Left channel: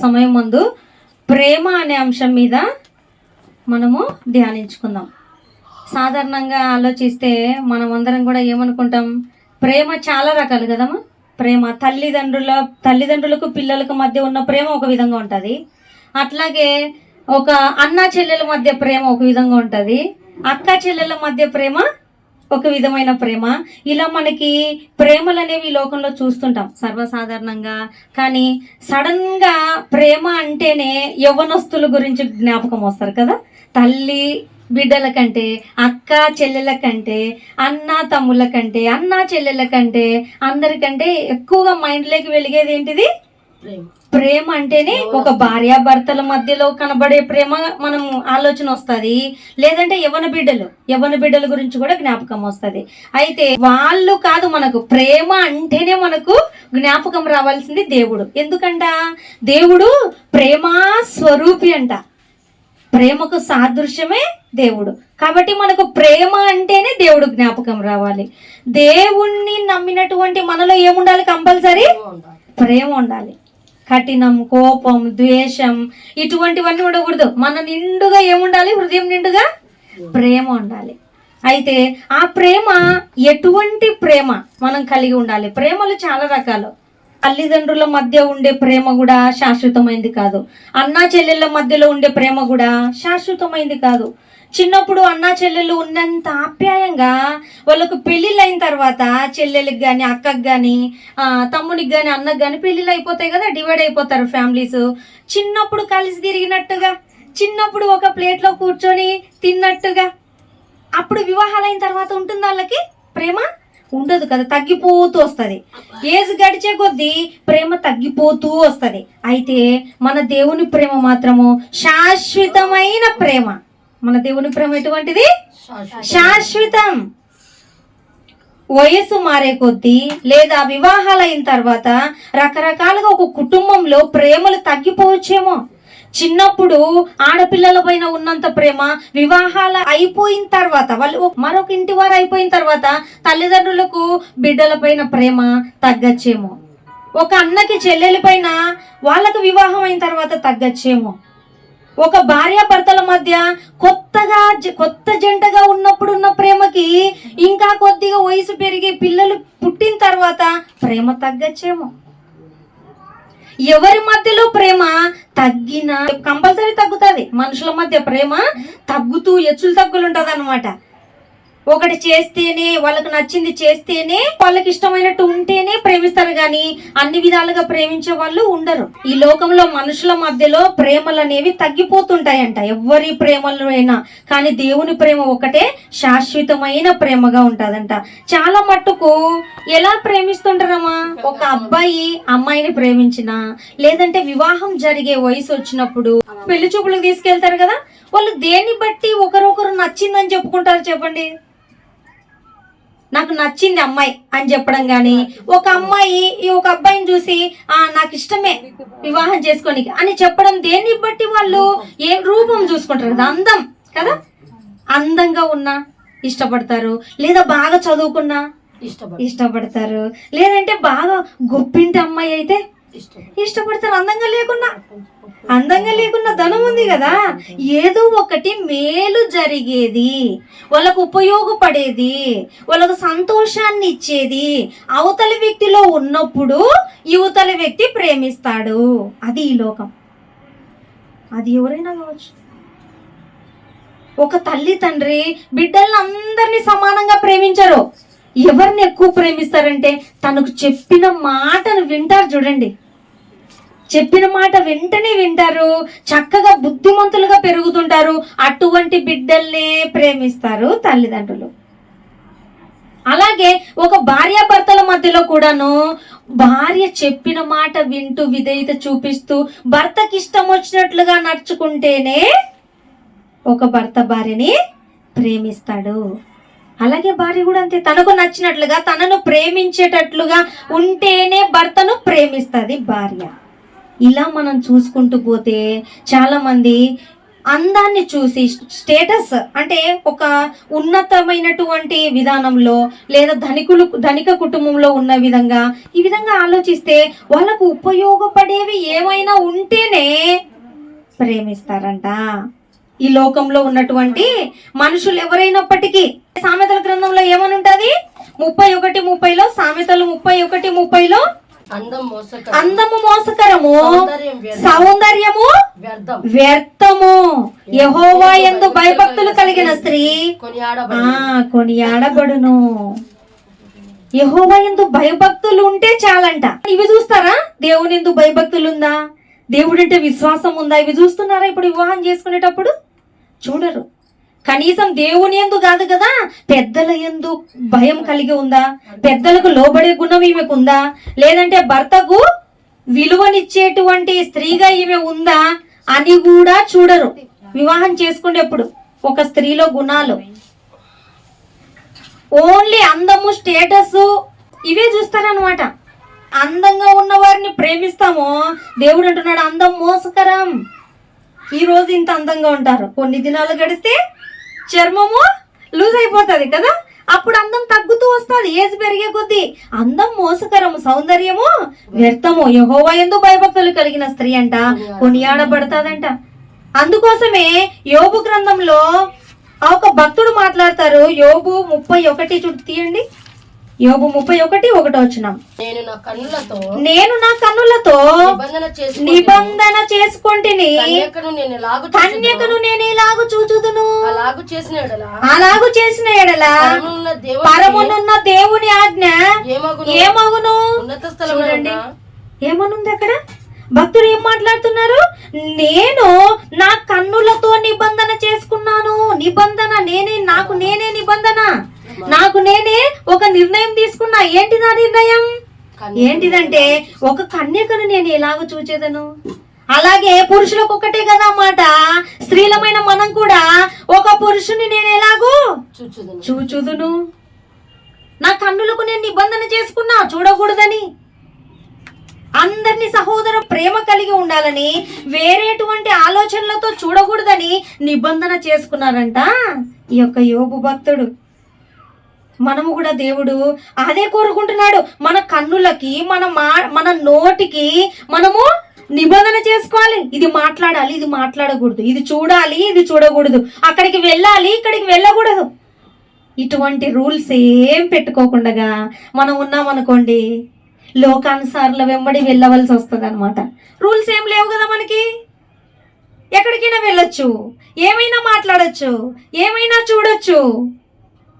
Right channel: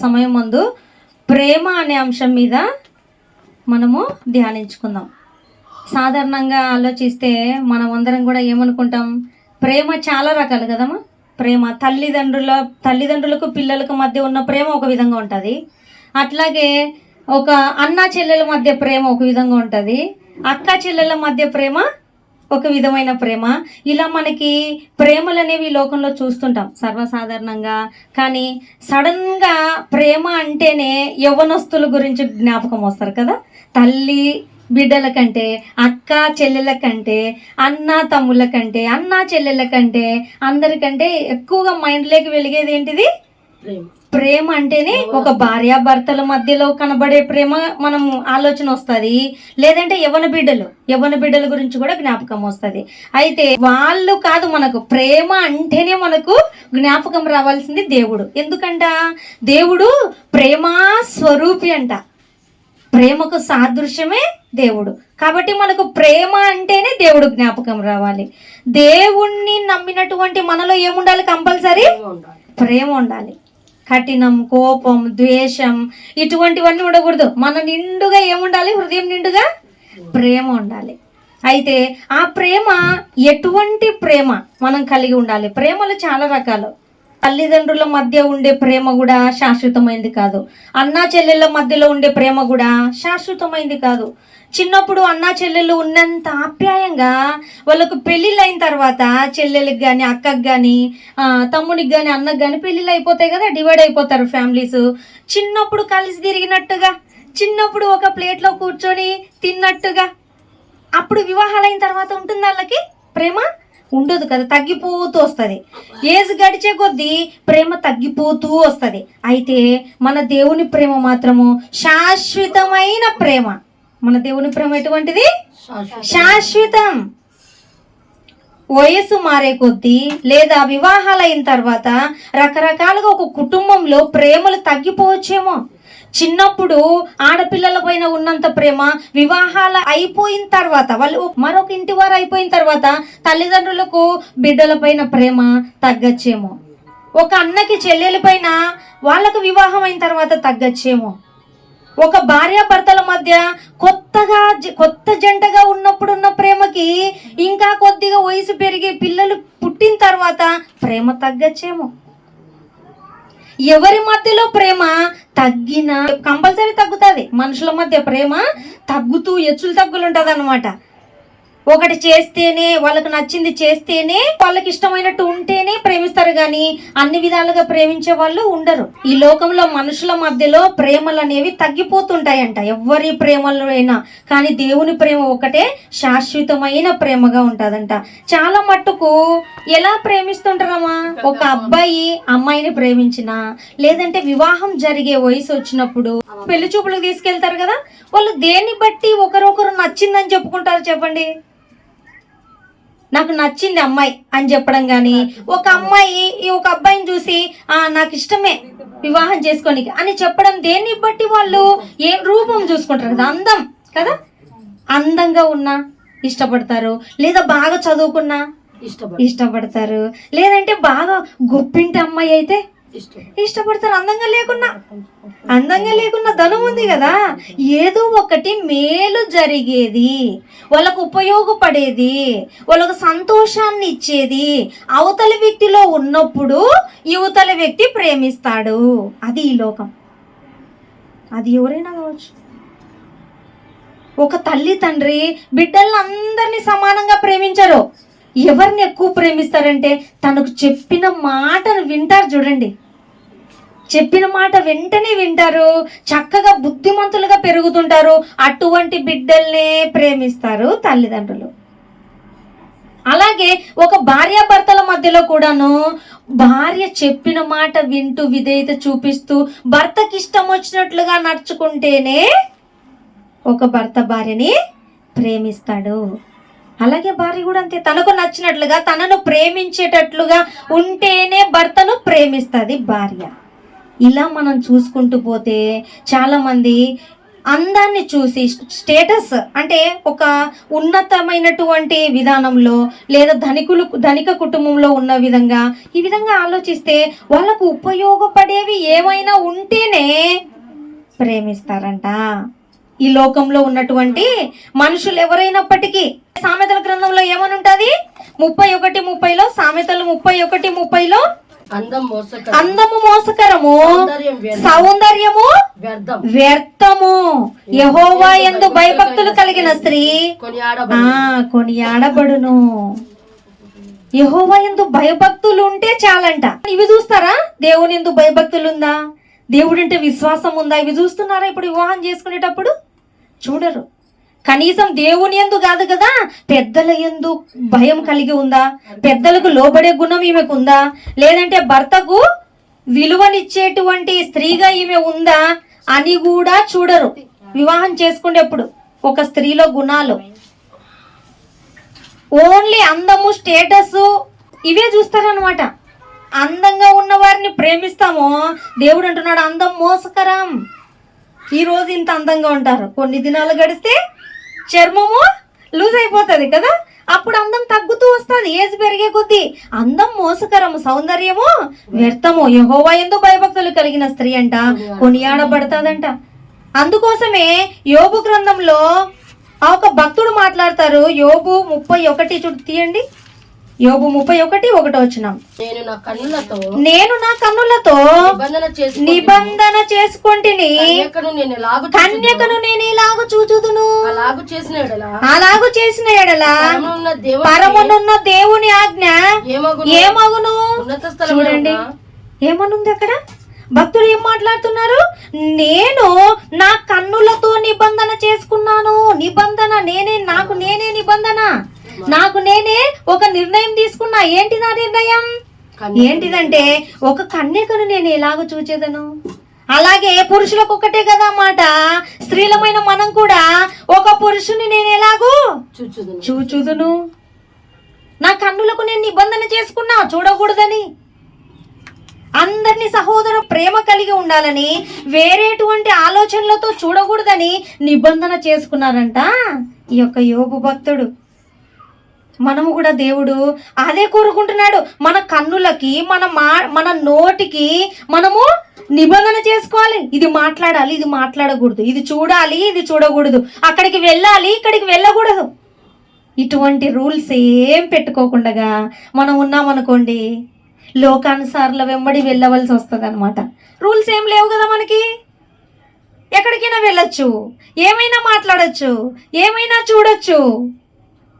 సమయం ముందు ప్రేమ అనే అంశం మీద మనము ధ్యానించుకుందాం. సాధారణంగా ఆలోచిస్తే మనం అందరం కూడా ఏమనుకుంటాం, ప్రేమ చాలా రకాలు కదమ్మా. ప్రేమ తల్లిదండ్రులకు పిల్లలకు మధ్య ఉన్న ప్రేమ ఒక విధంగా ఉంటుంది. అట్లాగే ఒక అన్న చెల్లెల మధ్య ప్రేమ ఒక విధంగా ఉంటుంది. అక్క చెల్లెల మధ్య ప్రేమ ఒక విధమైన ప్రేమ. ఇలా మనకి ప్రేమలు అనేవి లోకంలో చూస్తుంటాం సర్వసాధారణంగా. కానీ సడన్గా ప్రేమ అంటేనే యవ్వనస్తుల గురించి జ్ఞాపకం వస్తారు కదా. తల్లి బిడ్డల కంటే, అక్క చెల్లెల కంటే, అన్న తమ్ముళ్ళ కంటే, అన్న చెల్లెల కంటే, అందరికంటే ఎక్కువగా మైండ్లోకి వెలిగేది ఏంటిది? ప్రేమ అంటేనే ఒక భార్యాభర్తల మధ్యలో కనబడే ప్రేమ మనం ఆలోచన వస్తుంది. లేదంటే యవ్వన బిడ్డల గురించి కూడా జ్ఞాపకం వస్తుంది. అయితే వాళ్ళు కాదు, మనకు ప్రేమ అంటేనే మనకు జ్ఞాపకం రావాల్సింది దేవుడు. ఎందుకంట దేవుడు ప్రేమా స్వరూపి అంట. ప్రేమకు సాదృశ్యమే దేవుడు. కాబట్టి మనకు ప్రేమ అంటేనే దేవుడు జ్ఞాపకం రావాలి. దేవుణ్ణి నమ్మినటువంటి మనలో ఏముండాలి? కంపల్సరీ ప్రేమ ఉండాలి. కఠినం, కోపం, ద్వేషం ఇటువంటివన్నీ ఉండకూడదు. మన నిండుగా ఏముండాలి? హృదయం నిండుగా ప్రేమ ఉండాలి. అయితే ఆ ప్రేమ ఎటువంటి ప్రేమ మనం కలిగి ఉండాలి? ప్రేమలు చాలా రకాలు. తల్లిదండ్రుల మధ్య ఉండే ప్రేమ కూడా శాశ్వతమైంది కాదు. అన్నా చెల్లెళ్ళ మధ్యలో ఉండే ప్రేమ కూడా శాశ్వతమైంది కాదు. చిన్నప్పుడు అన్నా చెల్లెళ్ళు ఉన్నంత ఆప్యాయంగా వాళ్ళకు పెళ్ళిళ్ళు అయిన తర్వాత చెల్లెళ్ళకి కానీ, అక్కకి కానీ, తమ్మునికి కానీ, అన్నకి కానీ పెళ్ళిళ్ళు అయిపోతాయి కదా, డివైడ్ అయిపోతారు ఫ్యామిలీస్. చిన్నప్పుడు కలిసి తిరిగినట్టుగా, చిన్నప్పుడు ఒక ప్లేట్లో కూర్చొని తిన్నట్టుగా, అప్పుడు వివాహాలు అయిన తర్వాత ఉంటుంది వాళ్ళకి ప్రేమ? ఉండదు కదా, తగ్గిపోతూ వస్తుంది. ఏజ్ గడిచే కొద్దీ ప్రేమ తగ్గిపోతూ వస్తుంది. అయితే మన దేవుని ప్రేమ మాత్రము శాశ్వతమైన ప్రేమ. మన దేవుని ప్రేమ ఎటువంటిది? శాశ్వతం. వయసు మారే కొద్దీ లేదా వివాహాలు అయిన తర్వాత రకరకాలుగా ఒక కుటుంబంలో ప్రేమలు తగ్గిపోవచ్చేమో. చిన్నప్పుడు ఆడపిల్లల పైన ఉన్నంత ప్రేమ వివాహాలు అయిపోయిన తర్వాత, వాళ్ళు మరొక ఇంటి వారు అయిపోయిన తర్వాత తల్లిదండ్రులకు బిడ్డల పైన ప్రేమ తగ్గచ్చేమో. ఒక అన్నకి చెల్లెల పైన వాళ్ళకు వివాహం అయిన తర్వాత తగ్గచ్చేమో. ఒక భార్యాభర్తల మధ్య కొత్త జంటగా ఉన్నప్పుడు ఉన్న ప్రేమకి ఇంకా కొద్దిగా వయసు పెరిగి పిల్లలు పుట్టిన తర్వాత ప్రేమ తగ్గచ్చేమో. ఎవరి మధ్యలో ప్రేమ తగ్గినా కంపల్సరీ తగ్గుతుంది. మనుషుల మధ్య ప్రేమ తగ్గుతూ హెచ్చులు తగ్గులు ఉంటుంది అనమాట. ఒకటి చేస్తేనే, వాళ్ళకు నచ్చింది చేస్తేనే, వాళ్ళకి ఇష్టమైనట్టు ఉంటేనే ప్రేమిస్తారు, కానీ అన్ని విధాలుగా ప్రేమించే వాళ్ళు ఉండరు. ఈ లోకంలో మనుషుల మధ్యలో ప్రేమలు అనేవి తగ్గిపోతుంటాయంట, ఎవరి ప్రేమలు అయినా. కానీ దేవుని ప్రేమ ఒకటే శాశ్వతమైన ప్రేమగా ఉంటుందంట. చాలా మట్టుకు ఎలా ప్రేమిస్తుంటారమ్మా? ఒక అబ్బాయి అమ్మాయిని ప్రేమించినా, లేదంటే వివాహం జరిగే వయసు వచ్చినప్పుడు పెళ్లి చూపులకు తీసుకెళ్తారు కదా, వాళ్ళు దేన్ని బట్టి ఒకరొకరు నచ్చిందని చెప్పుకుంటారు చెప్పండి? నాకు నచ్చింది అమ్మాయి అని చెప్పడం కానీ, ఒక అమ్మాయి ఒక అబ్బాయిని చూసి నాకు ఇష్టమే వివాహం చేసుకోనికి అని చెప్పడం దేన్ని బట్టి? వాళ్ళు ఏ రూపం చూసుకుంటారు కదా, అందం కదా. అందంగా ఉన్నా ఇష్టపడతారు, లేదా బాగా చదువుకున్నా ఇష్టపడతారు, లేదంటే బాగా గొప్పింటి అమ్మాయి అయితే ఇష్టపడతారు. అందంగా లేకున్నా ధనం ఉంది కదా, ఏదో ఒకటి మేలు జరిగేది, వాళ్ళకు ఉపయోగపడేది, వాళ్ళకు సంతోషాన్ని ఇచ్చేది అవతలి వ్యక్తిలో ఉన్నప్పుడు యువతలి వ్యక్తి ప్రేమిస్తాడు. అది ఈ లోకం. అది ఎవరైనా కావచ్చు. ఒక తల్లి తండ్రి బిడ్డలను అందరినీ సమానంగా ప్రేమించరు. ఎవరిని ఎక్కువ ప్రేమిస్తారంటే తనకు చెప్పిన మాటను వింటారు. చూడండి, చెప్పిన మాట వెంటనే వింటారు, చక్కగా బుద్ధిమంతులుగా పెరుగుతుంటారు. అటువంటి బిడ్డల్నే ప్రేమిస్తారు తల్లిదండ్రులు. అలాగే ఒక భార్యాభర్తల మధ్యలో కూడాను భార్య చెప్పిన మాట వింటూ విధేయత చూపిస్తూ భర్తకి ఇష్టం వచ్చినట్లుగా నడుచుకుంటేనే ఒక భర్త భార్యని ప్రేమిస్తాడు. అలాగే భార్య కూడా అంతే, తనకు నచ్చినట్లుగా తనను ప్రేమించేటట్లుగా ఉంటేనే భర్తను ప్రేమిస్తుంది భార్య. ఇలా మనం చూసుకుంటూ పోతే చాలామంది అందాన్ని చూసి, స్టేటస్ అంటే ఒక ఉన్నతమైనటువంటి విధానంలో లేదా ధనిక కుటుంబంలో ఉన్న విధంగా ఈ విధంగా ఆలోచిస్తే వాళ్ళకు ఉపయోగపడేవి ఏమైనా ఉంటేనే ప్రేమిస్తారంట. ఈ లోకంలో ఉన్నటువంటి మనుషులు ఎవరైనప్పటికీ సామెతల గ్రంథంలో ఏమని ఉంటుంది? 31:30లో, సామెతలు 31:30లో అందము మోసకరము, సౌందర్యము వ్యర్థము, యెహోవా యందు భయభక్తులు కలిగిన స్త్రీ కొనియాడబడును. యెహోవా యందు భయభక్తులు ఉంటే చాలంట. ఇవి చూస్తారా? దేవుని యందు భయభక్తులు ఉందా, దేవుడు అంటే విశ్వాసం ఉందా, ఇవి చూస్తున్నారా? ఇప్పుడు వివాహం చేసుకునేటప్పుడు చూడరు. కనీసం దేవుని యందు కాదు కదా, పెద్దల యందు భయం కలిగి ఉందా, పెద్దలకు లోబడే గుణం ఈమెకు ఉందా, లేదంటే భర్తకు విలువనిచ్చేటువంటి స్త్రీగా ఈమె ఉందా అని కూడా చూడరు వివాహం చేసుకునేప్పుడు. ఒక స్త్రీలో గుణాలు ఓన్లీ అందము, స్టేటస్ ఇవే చూస్తారనమాట. అందంగా ఉన్న వారిని ప్రేమిస్తామో, దేవుడు అంటున్నాడు అందం మోసకరం. ఈ రోజు ఇంత అందంగా ఉంటారు, కొన్ని దినాలు గడిస్తే చర్మము లూజ్ అయిపోతుంది కదా, అప్పుడు అందం తగ్గుతూ వస్తుంది ఏజ్ పెరిగే కొద్దీ. అందం మోసకరము, సౌందర్యము వ్యర్థము, యెహోవా యందు భయభక్తులు కలిగిన స్త్రీ అంట కొనియాడబడతాదంట. అందుకోసమే యోబు గ్రంథంలో ఒక భక్తుడు మాట్లాడతారు. యోబు 31 చూడు తీయండి. యోబు 31:1 నేను నా కన్నులతో నిబంధన చేసుకొంటిని, కన్యకను నేను ఇలాగు చూచుదును. అలాగు చేసిన ఎడల పరమునున్న దేవుని ఆజ్ఞ ఏమగును? చూడండి ఏమనుంది అక్కడ. భక్తులు ఏం మాట్లాడుతున్నారు? నేను నా కన్నులతో నిబంధన చేసుకున్నాను. నిబంధన నేనే, నాకు నేనే నిబంధన, నాకు నేనే ఒక నిర్ణయం తీసుకున్నా. ఏంటి నా నిర్ణయం? ఏంటిదంటే ఒక కన్యకను నేను ఎలాగో చూచేదను. అలాగే పురుషులకు ఒక్కటే కదా మాట, స్త్రీలమైన మనం కూడా ఒక పురుషుని నేను ఎలాగూ చూచుదును. నా కన్నులకు నేను నిబంధన చేసుకున్నా చూడకూడదని. అందరినీ సహోదర ప్రేమ కలిగి ఉండాలని, వేరేటువంటి ఆలోచనలతో చూడకూడదని నిబంధన చేసుకున్నారంట ఈ యొక్క యోబు భక్తుడు. మనము కూడా దేవుడు అదే కోరుకుంటున్నాడు. మన కన్నులకి, మన నోటికి మనము నిబంధన చేసుకోవాలి. ఇది మాట్లాడాలి, ఇది మాట్లాడకూడదు, ఇది చూడాలి, ఇది చూడకూడదు, అక్కడికి వెళ్ళాలి, ఇక్కడికి వెళ్ళకూడదు. ఇటువంటి రూల్స్ ఏం పెట్టుకోకుండా మనం ఉన్నామనుకోండి, లోకానుసార్ల వెంబడి వెళ్ళవలసి వస్తుంది అనమాట. రూల్స్ ఏం లేవు కదా మనకి, ఎక్కడికైనా వెళ్ళొచ్చు, ఏమైనా మాట్లాడచ్చు, ఏమైనా చూడొచ్చు.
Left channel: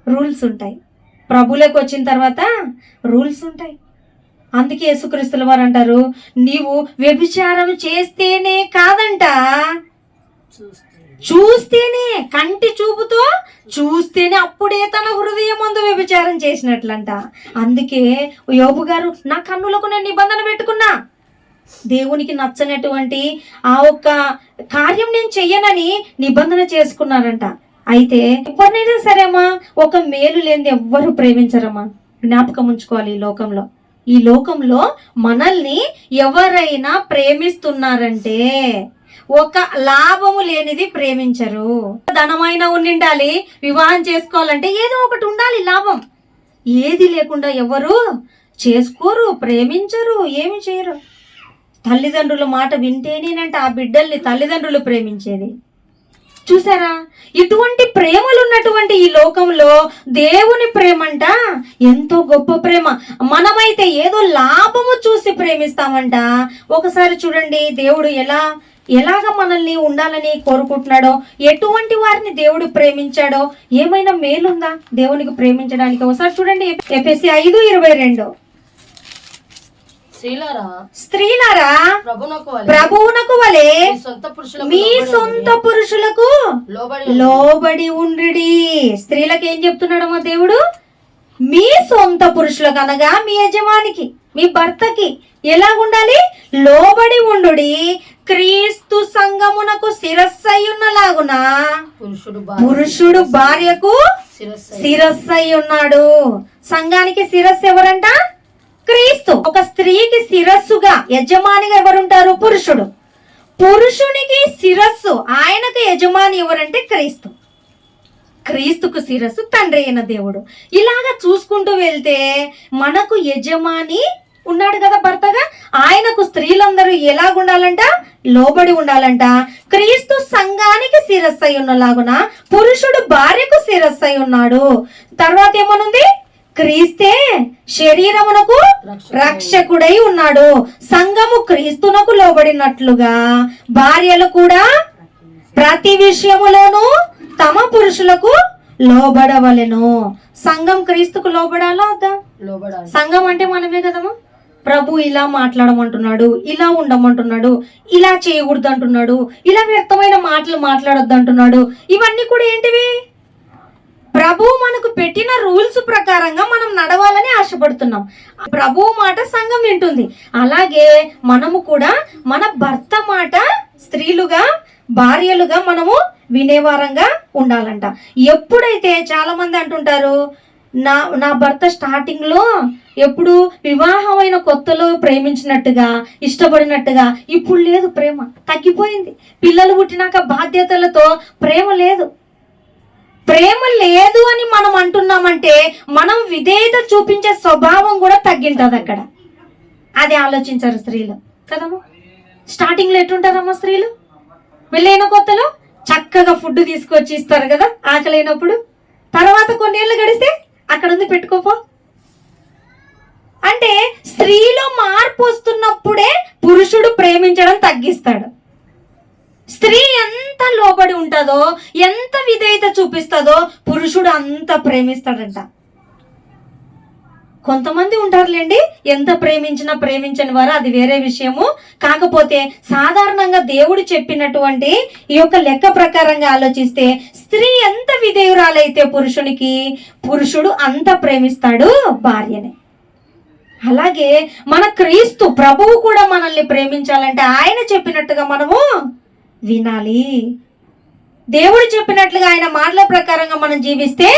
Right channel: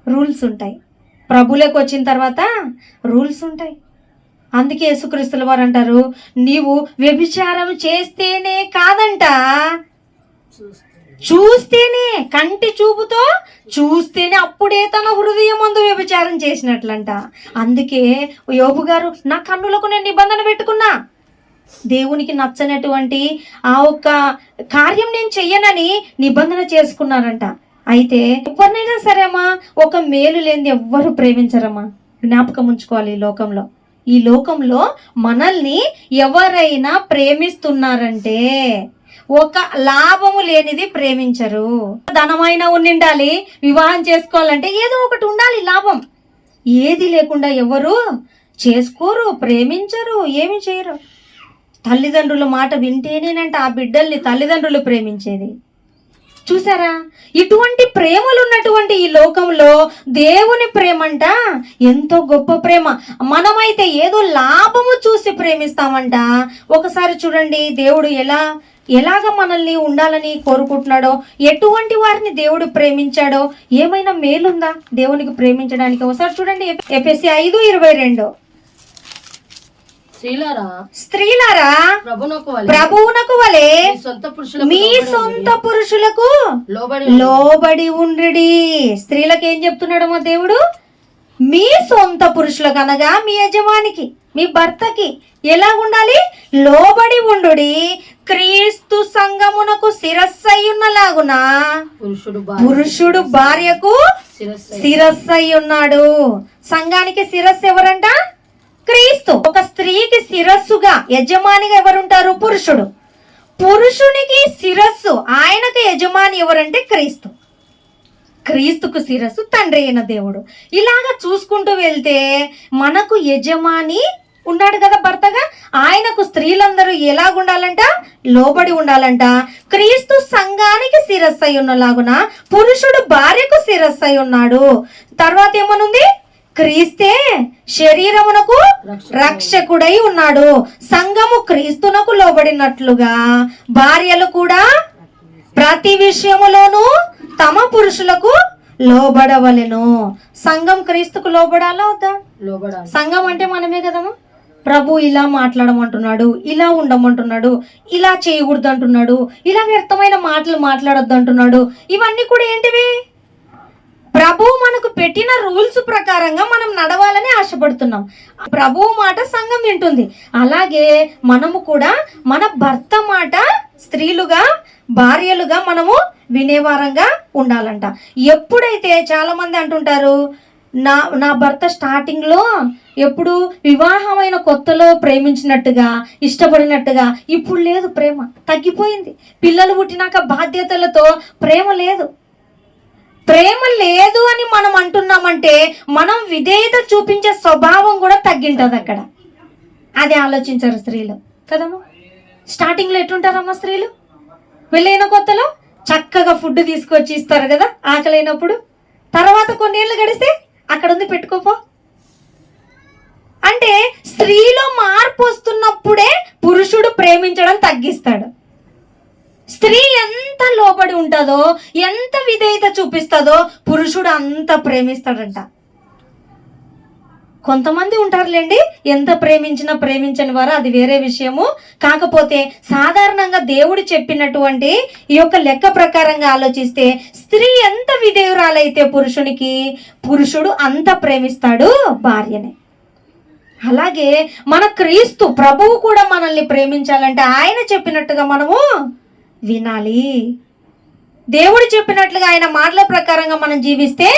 రూల్స్ ఉంటాయి. ప్రభువులకు వచ్చిన తర్వాత రూల్స్ ఉంటాయి. అందుకే యేసుక్రీస్తుల వారు అంటారు, నీవు వ్యభిచారం చేస్తేనే కాదంట, చూస్తేనే, కంటి చూపుతో చూస్తేనే అప్పుడే తన హృదయం ముందు వ్యభిచారం చేసినట్లంట. అందుకే యోబు గారు నా కన్నులకు నేను నిబంధన పెట్టుకున్నా, దేవునికి నచ్చనటువంటి ఆ ఒక్క కార్యం నేను చెయ్యనని నిబంధన చేసుకున్నారంట. అయితే ఎవరినైనా సరే అమ్మా, ఒక మేలు లేనిది ఎవ్వరు ప్రేమించరమ్మా. జ్ఞాపకం ఉంచుకోవాలి. ఈ లోకంలో మనల్ని ఎవరైనా ప్రేమిస్తున్నారంటే ఒక లాభము లేనిది ప్రేమించరు. ధనమైనా ఉండాలి, వివాహం చేసుకోవాలంటే ఏదో ఒకటి ఉండాలి లాభం. ఏది లేకుండా ఎవరు చేసుకోరు, ప్రేమించరు, ఏమి చేయరు. తల్లిదండ్రుల మాట వింటేనేనంట ఆ బిడ్డల్ని తల్లిదండ్రులు ప్రేమించేది. చూసారా? ఇటువంటి ప్రేమలు ఉన్నటువంటి ఈ లోకంలో దేవుని ప్రేమంట ఎంతో గొప్ప ప్రేమ. మనమైతే ఏదో లాభము చూసి ప్రేమిస్తామంట. ఒకసారి చూడండి దేవుడు ఎలాగ మనల్ని ఉండాలని కోరుకుంటున్నాడో, ఎటువంటి వారిని దేవుడు ప్రేమించాడో, ఏమైనా మేలుందా దేవునికి ప్రేమించడానికి? ఒకసారి చూడండి ఎఫెసీ 5:22. స్త్రీలారా ప్రభువునకు వలె మీ సొంత పురుషులకు లోబడి ఉండుడి. స్త్రీలకు ఏం చెప్తున్నాడమ్మా దేవుడు? మీ సొంత పురుషులకు అనగా మీ యజమానికి, మీ భర్తకి ఎలా ఉండాలి? లోబడి ఉండుడి. క్రీస్తు సంఘమునకు శిరస్సై ఉన్నలాగున పురుషుడు భార్యకు శిరస్సై ఉన్నాడు. సంఘానికి శిరస్సు ఎవరంట? క్రీస్తు. ఒక స్త్రీకి శిరస్సుగా, యజమానిగా ఎవరుంటారు? పురుషుడు. పురుషునికి శిరస్సు, ఆయనకు యజమాని ఎవరంటే క్రీస్తు. క్రీస్తుకు శిరస్సు తండ్రి అయిన దేవుడు. ఇలాగా చూసుకుంటూ వెళ్తే మనకు యజమాని ఉన్నాడు కదా భర్తగా, ఆయనకు స్త్రీలందరూ ఎలాగుండాలంట, లోబడి ఉండాలంట. క్రీస్తు సంఘానికి శిరస్సు అయి ఉన్నలాగున పురుషుడు భార్యకు శిరస్సు అయి ఉన్నాడు. తర్వాత ఏమనుంది, క్రీస్తే శరీరమునకు రక్షకుడై ఉన్నాడు. సంఘము క్రీస్తునకు లోబడినట్లుగా భార్యలు కూడా ప్రతి విషయములోనూ తమ పురుషులకు లోబడవలెను. సంఘం క్రీస్తుకు లోబడాలా వద్దా? సంఘం అంటే మనమే కదమ్మా. ప్రభు ఇలా మాట్లాడమంటున్నాడు, ఇలా ఉండమంటున్నాడు, ఇలా చేయకూడదు అంటున్నాడు, ఇలా వ్యర్థమైన మాటలు మాట్లాడొద్దు అంటున్నాడు. ఇవన్నీ కూడా ఏంటివి? ప్రభు మనకు పెట్టిన రూల్స్ ప్రకారంగా మనం నడవాలని ఆశపడుతున్నాం. ప్రభు మాట సంఘం వింటుంది. అలాగే మనము కూడా మన భర్త మాట స్త్రీలుగా, భార్యలుగా మనము వినేవారంగా ఉండాలంట. ఎప్పుడైతే చాలా మంది అంటుంటారు, నా భర్త స్టార్టింగ్లో ఎప్పుడు వివాహమైన కొత్తలో ప్రేమించినట్టుగా, ఇష్టపడినట్టుగా ఇప్పుడు లేదు, ప్రేమ తగ్గిపోయింది. పిల్లలు పుట్టినాక బాధ్యతలతో ప్రేమ లేదు. ప్రేమ లేదు అని మనం అంటున్నామంటే మనం విధేయత చూపించే స్వభావం కూడా తగ్గింటుంది అక్కడ. అది ఆలోచించారు స్త్రీలు కదమ్మా. స్టార్టింగ్లో ఎట్లుంటారమ్మా స్త్రీలు? పెళ్ళైన కొత్తలో చక్కగా ఫుడ్ తీసుకొచ్చి ఇస్తారు కదా ఆకలైనప్పుడు. తర్వాత కొన్నేళ్ళు గడిస్తే అక్కడ ఉంది, పెట్టుకోపో అంటే. స్త్రీలో మార్పు వస్తున్నప్పుడే పురుషుడు ప్రేమించడం తగ్గిస్తాడు. స్త్రీ ఎంత లోబడి ఉంటుందో, ఎంత విధేయత చూపిస్తుందో పురుషుడు అంత ప్రేమిస్తాడంట. కొంతమంది ఉంటారులేండి, ఎంత ప్రేమించినా ప్రేమించని వారు, అది వేరే విషయము. కాకపోతే సాధారణంగా దేవుడు చెప్పినటువంటి ఈ యొక్క లెక్క ప్రకారంగా ఆలోచిస్తే స్త్రీ ఎంత విధేయురాలైతే పురుషునికి, పురుషుడు అంత ప్రేమిస్తాడు భార్యని. అలాగే మన క్రీస్తు ప్రభువు కూడా మనల్ని ప్రేమించాలంటే ఆయన చెప్పినట్టుగా మనము వినాలి. దేవుడు చెప్పినట్లుగా ఆయన మాటల ప్రకారంగా మనం జీవిస్తే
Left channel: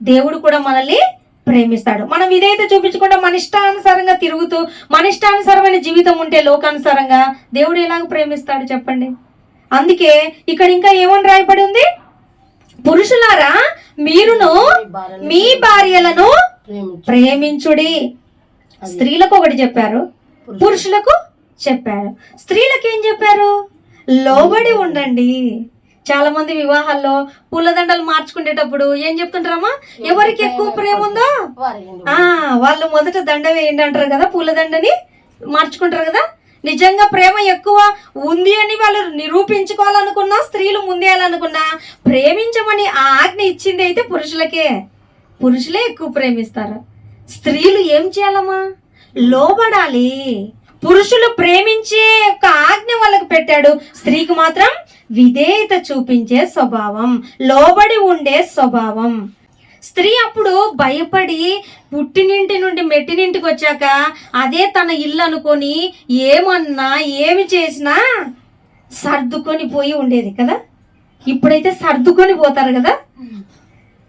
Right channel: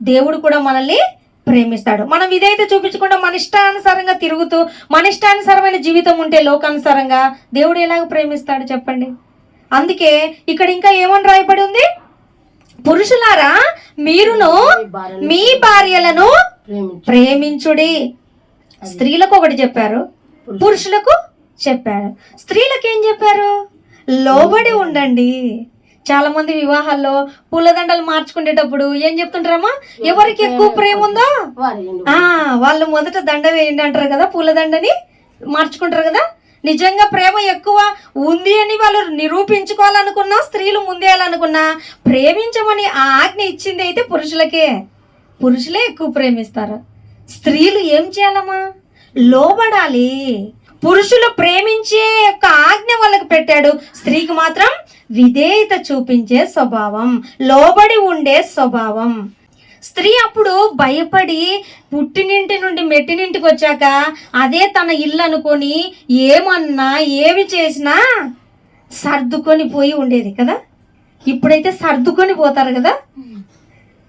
దేవుడు కూడా మనల్ని ప్రేమిస్తాడు. మనం విధేయత చూపించకుండా మన ఇష్టానుసారంగా తిరుగుతూ మన ఇష్టానుసారమైన జీవితం ఉంటే లోకానుసారంగా దేవుడు ఎలాగ ప్రేమిస్తాడు చెప్పండి. అందుకే ఇక్కడ ఇంకా ఏమని రాయబడి ఉంది, పురుషులారా మీరును మీ భార్యలను ప్రేమించుడి. స్త్రీలకు ఒకటి చెప్పారు, పురుషులకు చెప్పారు. స్త్రీలకు ఏం చెప్పారు? లోబడి ఉండండి. చాలా మంది వివాహాల్లో పూలదండలు మార్చుకునేటప్పుడు ఏం చెప్తుంటారమ్మా, ఎవరికి ఎక్కువ ప్రేమ ఉందో వాళ్ళు మొదట దండ వేయండి అంటారు కదా, పూలదండని మార్చుకుంటారు కదా. నిజంగా ప్రేమ ఎక్కువ ఉంది అని వాళ్ళు నిరూపించుకోవాలనుకున్నా, స్త్రీలు ముందేయాలనుకున్నా, ప్రేమించమని ఆ ఆజ్ఞ ఇచ్చింది అయితే పురుషులకే. పురుషులే ఎక్కువ ప్రేమిస్తారు. స్త్రీలు ఏం చేయాలమ్మా? లోబడాలి. పురుషులు ప్రేమించే యొక్క ఆజ్ఞ వాళ్ళకు పెట్టాడు, స్త్రీకి మాత్రం విధేయత చూపించే స్వభావం, లోబడి ఉండే స్వభావం. స్త్రీ అప్పుడు భయపడి పుట్టినింటి నుండి మెట్టినింటికి వచ్చాక అదే తన ఇల్లు అనుకొని ఏమన్నా ఏమి చేసినా సర్దుకొని పోయి ఉండేది కదా. ఇప్పుడైతే సర్దుకొని పోతారు కదా,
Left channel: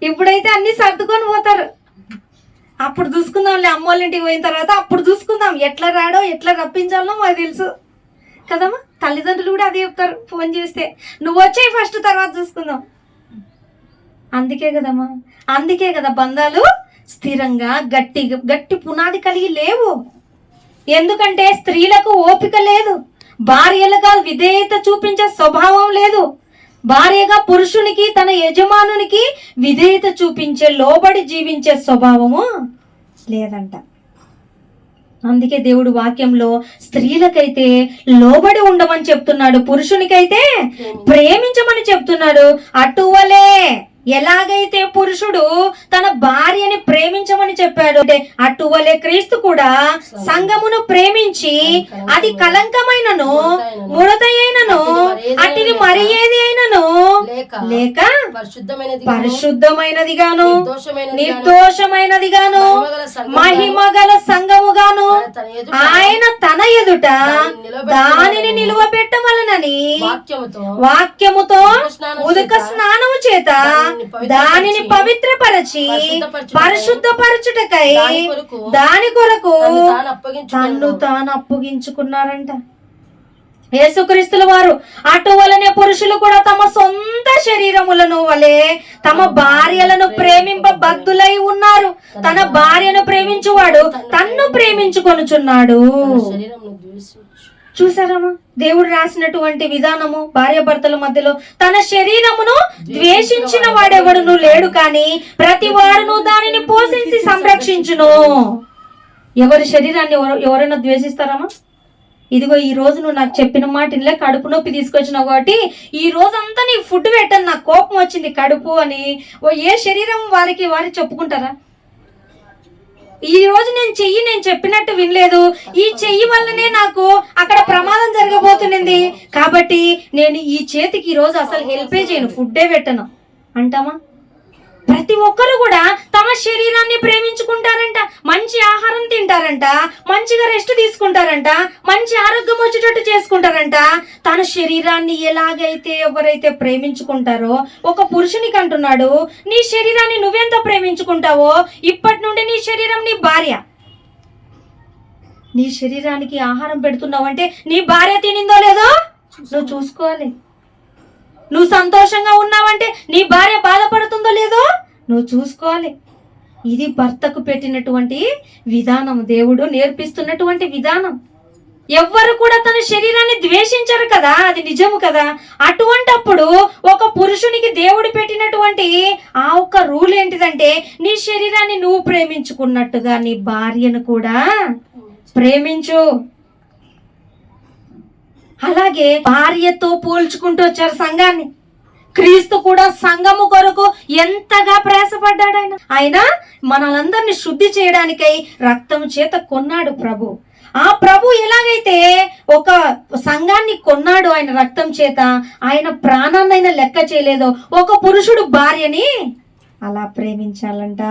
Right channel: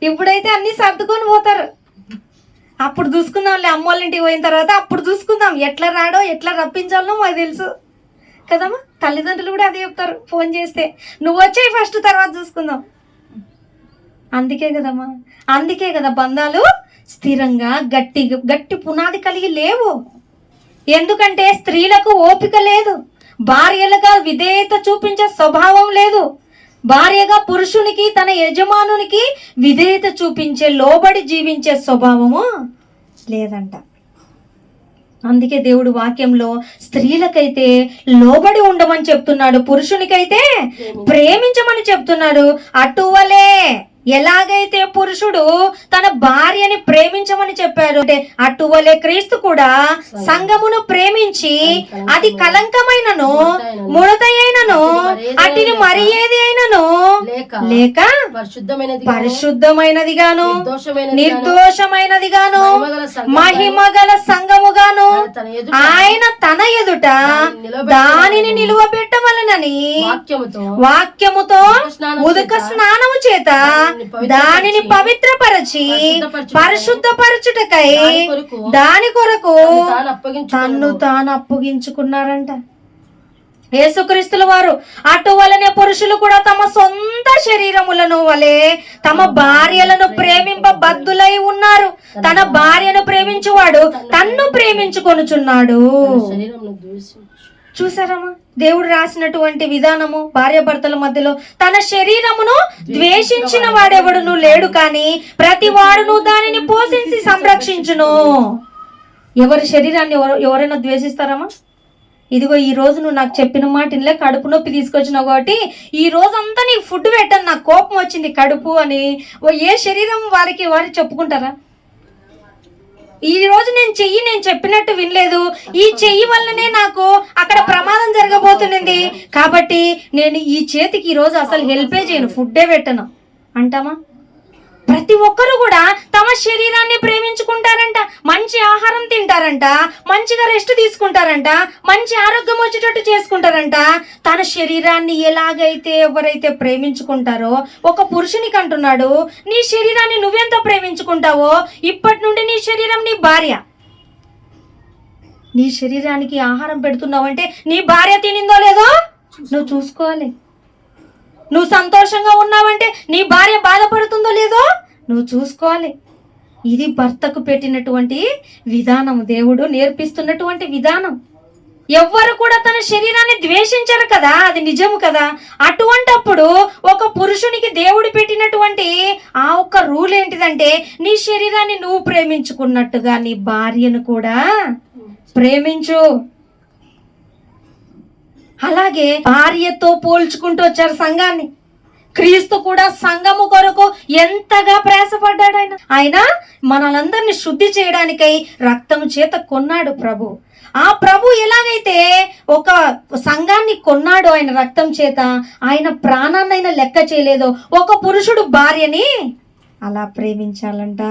ఇప్పుడైతే అన్ని సర్దుకొని పోతారు. అప్పుడు చూసుకుందాంలే, అమ్మోళ్ళ ఇంటికి పోయిన తర్వాత అప్పుడు చూసుకుందాం, ఎట్లా రాడో ఎట్లా రప్పించాలో మాకు తెలుసు కదమ్మా. తల్లిదండ్రులు కూడా అదే చెప్తారు, ఫోన్ చేస్తే నువ్వు వచ్చేయి ఫస్ట్, తర్వాత చూసుకుందాం. అందుకే కదమ్మా, అందుకే కదా బంధాలు స్థిరంగా గట్టి పునాది కలిగి లేవు. ఎందుకంటే స్త్రీలకు ఓపిక లేదు, భార్యలుగా విధేయత చూపించే స్వభావం లేదు. భార్యగా పురుషునికి, తన యజమానునికి విధేయత చూపించే, లోబడి జీవించే స్వభావము లేదంట. అందుకే దేవుడు వాక్యంలో స్త్రీలకైతే లోబడి ఉండమని చెప్తున్నాడు, పురుషునికైతే ప్రేమించమని చెప్తున్నాడు. అటువలే ఎలాగైతే పురుషుడు తన భార్యని ప్రేమించమని చెప్పాడు, అంటే అటువలే క్రీస్తు కూడా సంఘమును ప్రేమించి అది కలంకమైనను ముడతయైనను అటిని మరి ఏది అయినను లేక పరిశుద్ధమైనదిగాను నిర్దోషమైనదిగాను మహిమగల సంఘముగాను ఆయన తన ఎదుట దానిని నిలువబెట్టవలనని వాక్యముతో ఉదక స్నానము చేత దానిని పవిత్రపరచి పరిశుద్ధపరచుటకై దాని కొరకు తన్ను తాను అప్పగించుకున్నారంట. యేసుక్రీస్తుల వారు అటువలనే పురుషులు కూడా తమ సొంత శరీరములను వలె తమ భార్యలను ప్రేమింపబద్ధులై ఉన్నారు. తన భార్యను ప్రేమించువాడు తన్ను ప్రేమించుకొనుచున్నాడు. చూసారమ్మా, దేవుడు రాసినటువంటి విధానము. భార్యాభర్తల మధ్యలో తన శరీరమును ద్వేషించిన వాడెవడును లేడు, కానీ ప్రతి వాడును దానిని పోషించి సంరక్షించును. ఎవరి శరీరాన్ని ఎవరైనా ద్వేషిస్తారమ్మా? ఇదిగో ఈ రోజు నువ్వు నాకు చెప్పిన మాట ఇన్లే, కడుపు నొప్పి తీసుకొచ్చినావు కాబట్టి ఈ రోజంతా నీకు ఫుడ్ పెట్టాను, నాకు కోపం వచ్చింది కడుపు అని ఏ శరీరం వారు చెప్పుకుంటారా? ఈ రోజు నేను చెప్పినట్టు వినలేదు, ఈ చెయ్యి వల్లనే నాకు అక్కడ ప్రమాదం జరగబోతున్నది కాబట్టి నేను ఈ చేతికి ఈ రోజు అసలు హెల్పే చేయను, ఫుడ్డే పెట్టను అంటామా? ప్రతి ఒక్కరు కూడా తమ శరీరాన్ని ప్రేమించుకుంటారంట, మంచి ఆహారం తింటారంట, మంచిగా రెస్ట్ తీసుకుంటారంట, మంచి ఆరోగ్యం వచ్చేటట్టు చేసుకుంటారంట. తన శరీరాన్ని ఎలాగైతే ఎవరైతే ప్రేమించుకుంటారో, ఒక పురుషునికి అంటున్నాడు, నీ శరీరాన్ని నువ్వెంత ప్రేమించుకుంటావో ఇప్పటి నుండి నీ శరీరం నీ భార్య. నీ శరీరానికి ఆహారం పెడుతున్నావంటే నీ భార్య తినిందో లేదో నువ్వు చూసుకోవాలి. నువ్వు సంతోషంగా ఉన్నావంటే నీ భార్య బాధపడుతుందో లేదో నువ్వు చూసుకోవాలి. ఇది భర్తకు పెట్టినటువంటి విధానం, దేవుడు నేర్పిస్తున్నటువంటి విధానం. ఎవ్వరు కూడా తన శరీరాన్ని ద్వేషించరు కదా, అది నిజము కదా. అటువంటప్పుడు ఒక పురుషునికి దేవుడు పెట్టినటువంటి ఆ ఒక్క రూల్ ఏంటిదంటే, నీ శరీరాన్ని నువ్వు ప్రేమించుకున్నట్టుగా నీ భార్యను కూడా ప్రేమించు. అలాగే భార్యతో పోల్చుకుంటూ వచ్చారు సంఘాన్ని. క్రీస్తు కూడా సంఘము కొరకు ఎంతగా ప్రయాసపడ్డాడు. ఆయన మనలందరినీ శుద్ధి చేయడానికై రక్తం చేత కొన్నాడు ప్రభు. ఆ ప్రభు ఎలాగైతే ఒక సంఘాన్ని కొన్నాడు ఆయన రక్తం చేత, ఆయన ప్రాణాన్ని ఆయన లెక్క చేయలేదో, ఒక పురుషుడు భార్యని అలా ప్రేమించాలంట.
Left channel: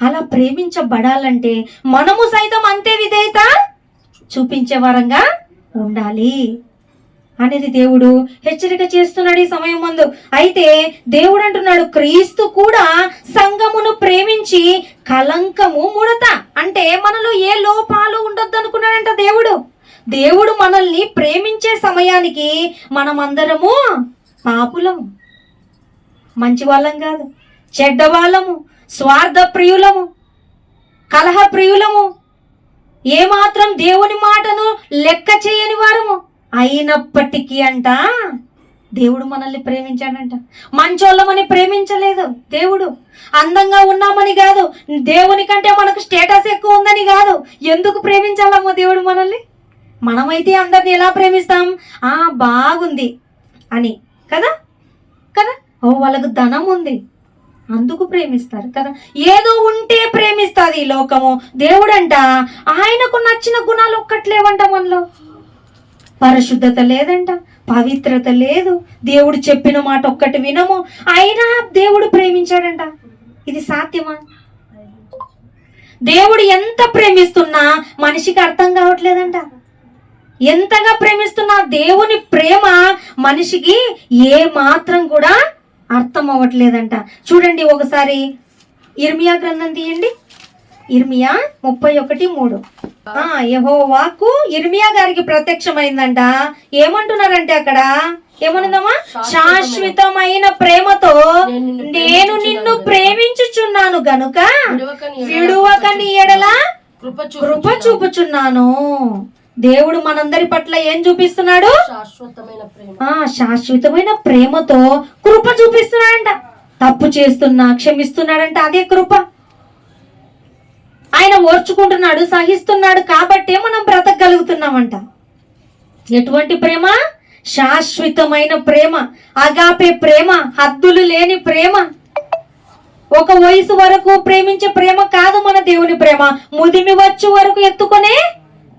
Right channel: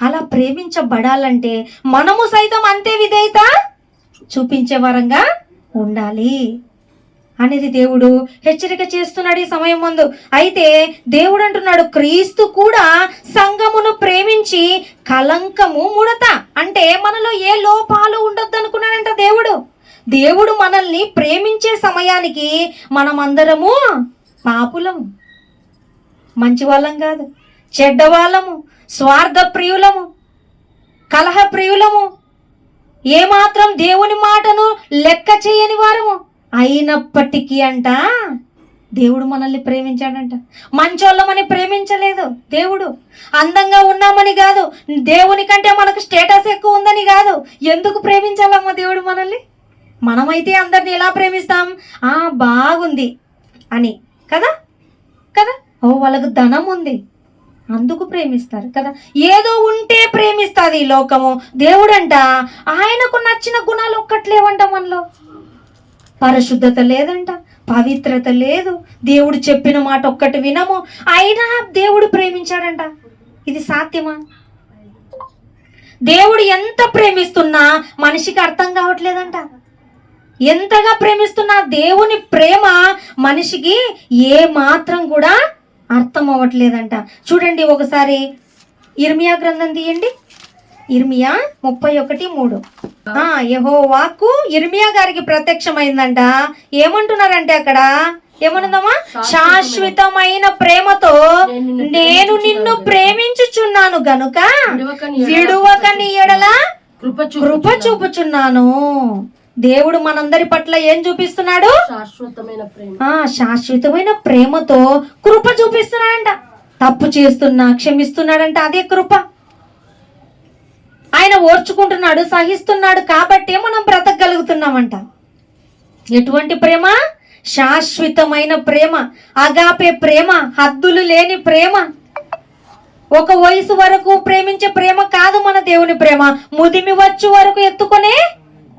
అలా ప్రేమించబడాలంటే మనము సైతం అంతే విధేయత చూపించే వారంగా ఉండాలి అనేది దేవుడు హెచ్చరిక చేస్తున్నాడు ఈ సమయం ముందు. అయితే దేవుడు అంటున్నాడు, క్రీస్తు కూడా సంఘమును ప్రేమించి కలంకము ముడత, అంటే మనలో ఏ లోపాలు ఉండొద్దు అనుకున్నాడంట దేవుడు. దేవుడు మనల్ని ప్రేమించే సమయానికి మనమందరము పాపులము, మంచి వాళ్ళం కాదు, చెడ్డవాళ్ళము, స్వార్థ ప్రియులము, కలహ ప్రియులము, ఏమాత్రం దేవుని మాటను లెక్క చేయని వారము. అయినప్పటికీ అంట దేవుడు మనల్ని ప్రేమించాడంట. మంచోళ్ళమని ప్రేమించలేదు దేవుడు, అందంగా ఉన్నామని కాదు, దేవుని కంటే మనకు స్టేటస్ ఎక్కువ ఉందని కాదు. ఎందుకు ప్రేమించాలమ్మా దేవుడు మనల్ని? మనమైతే అందరిని ఎలా ప్రేమిస్తాం? బాగుంది అని కదా కదా, వాళ్ళకు ధనం ఉంది అందుకు ప్రేమిస్తారు కదా, ఏదో ఉంటే ప్రేమిస్తుంది ఈ లోకము. దేవుడంట ఆయనకు నచ్చిన గుణాలు ఒక్కట్లేవంట మనలో. పరిశుద్ధత లేదంట, పవిత్రత లేదు, దేవుడు చెప్పిన మాట ఒక్కటి వినము, అయినా దేవుడు ప్రేమించాడంట. ఇది సాధ్యమా? దేవుడు ఎంత ప్రేమిస్తున్నా మనిషికి అర్థం కావట్లేదంట. ఎంతగా ప్రేమిస్తున్నా దేవుని ప్రేమ మనిషికి ఏ మాత్రం కూడా అర్థం అవ్వట్లేదంట. చూడండి ఒకసారి ఇర్మియా గ్రంథం తీయండి, ఇర్మియా 31:3. యెహోవాకు ఇర్మియా గారికి ప్రత్యక్షమైందంట. ఏమంటున్నారంటే అక్కడ ఏమనుందమ్మా? శాశ్వతమైన ప్రేమతో నేను నిన్ను ప్రేమించుచున్నాను గనుక విడువక నీ ఎడల కృప చూపుచున్నాను. దేవుడు మనందరి పట్ల ఏం చూపిస్తున్నాడు? శాశ్వతమైన ప్రేమతో కృప చూపిస్తున్నాడంట. తప్పు చేస్తున్నా క్షమిస్తున్నాడంట, అదే కృప. ఆయన ఓర్చుకుంటున్నాడు, సహిస్తున్నాడు కాబట్టే మనం బ్రతకగలుగుతున్నామంట. ఎటువంటి ప్రేమ? శాశ్వతమైన ప్రేమ, అగాపే ప్రేమ, హద్దులు లేని ప్రేమ. ఒక వయసు వరకు ప్రేమించే ప్రేమ కాదు మన దేవుని ప్రేమ, ముదిమి వచ్చు వరకు ఎత్తుకునే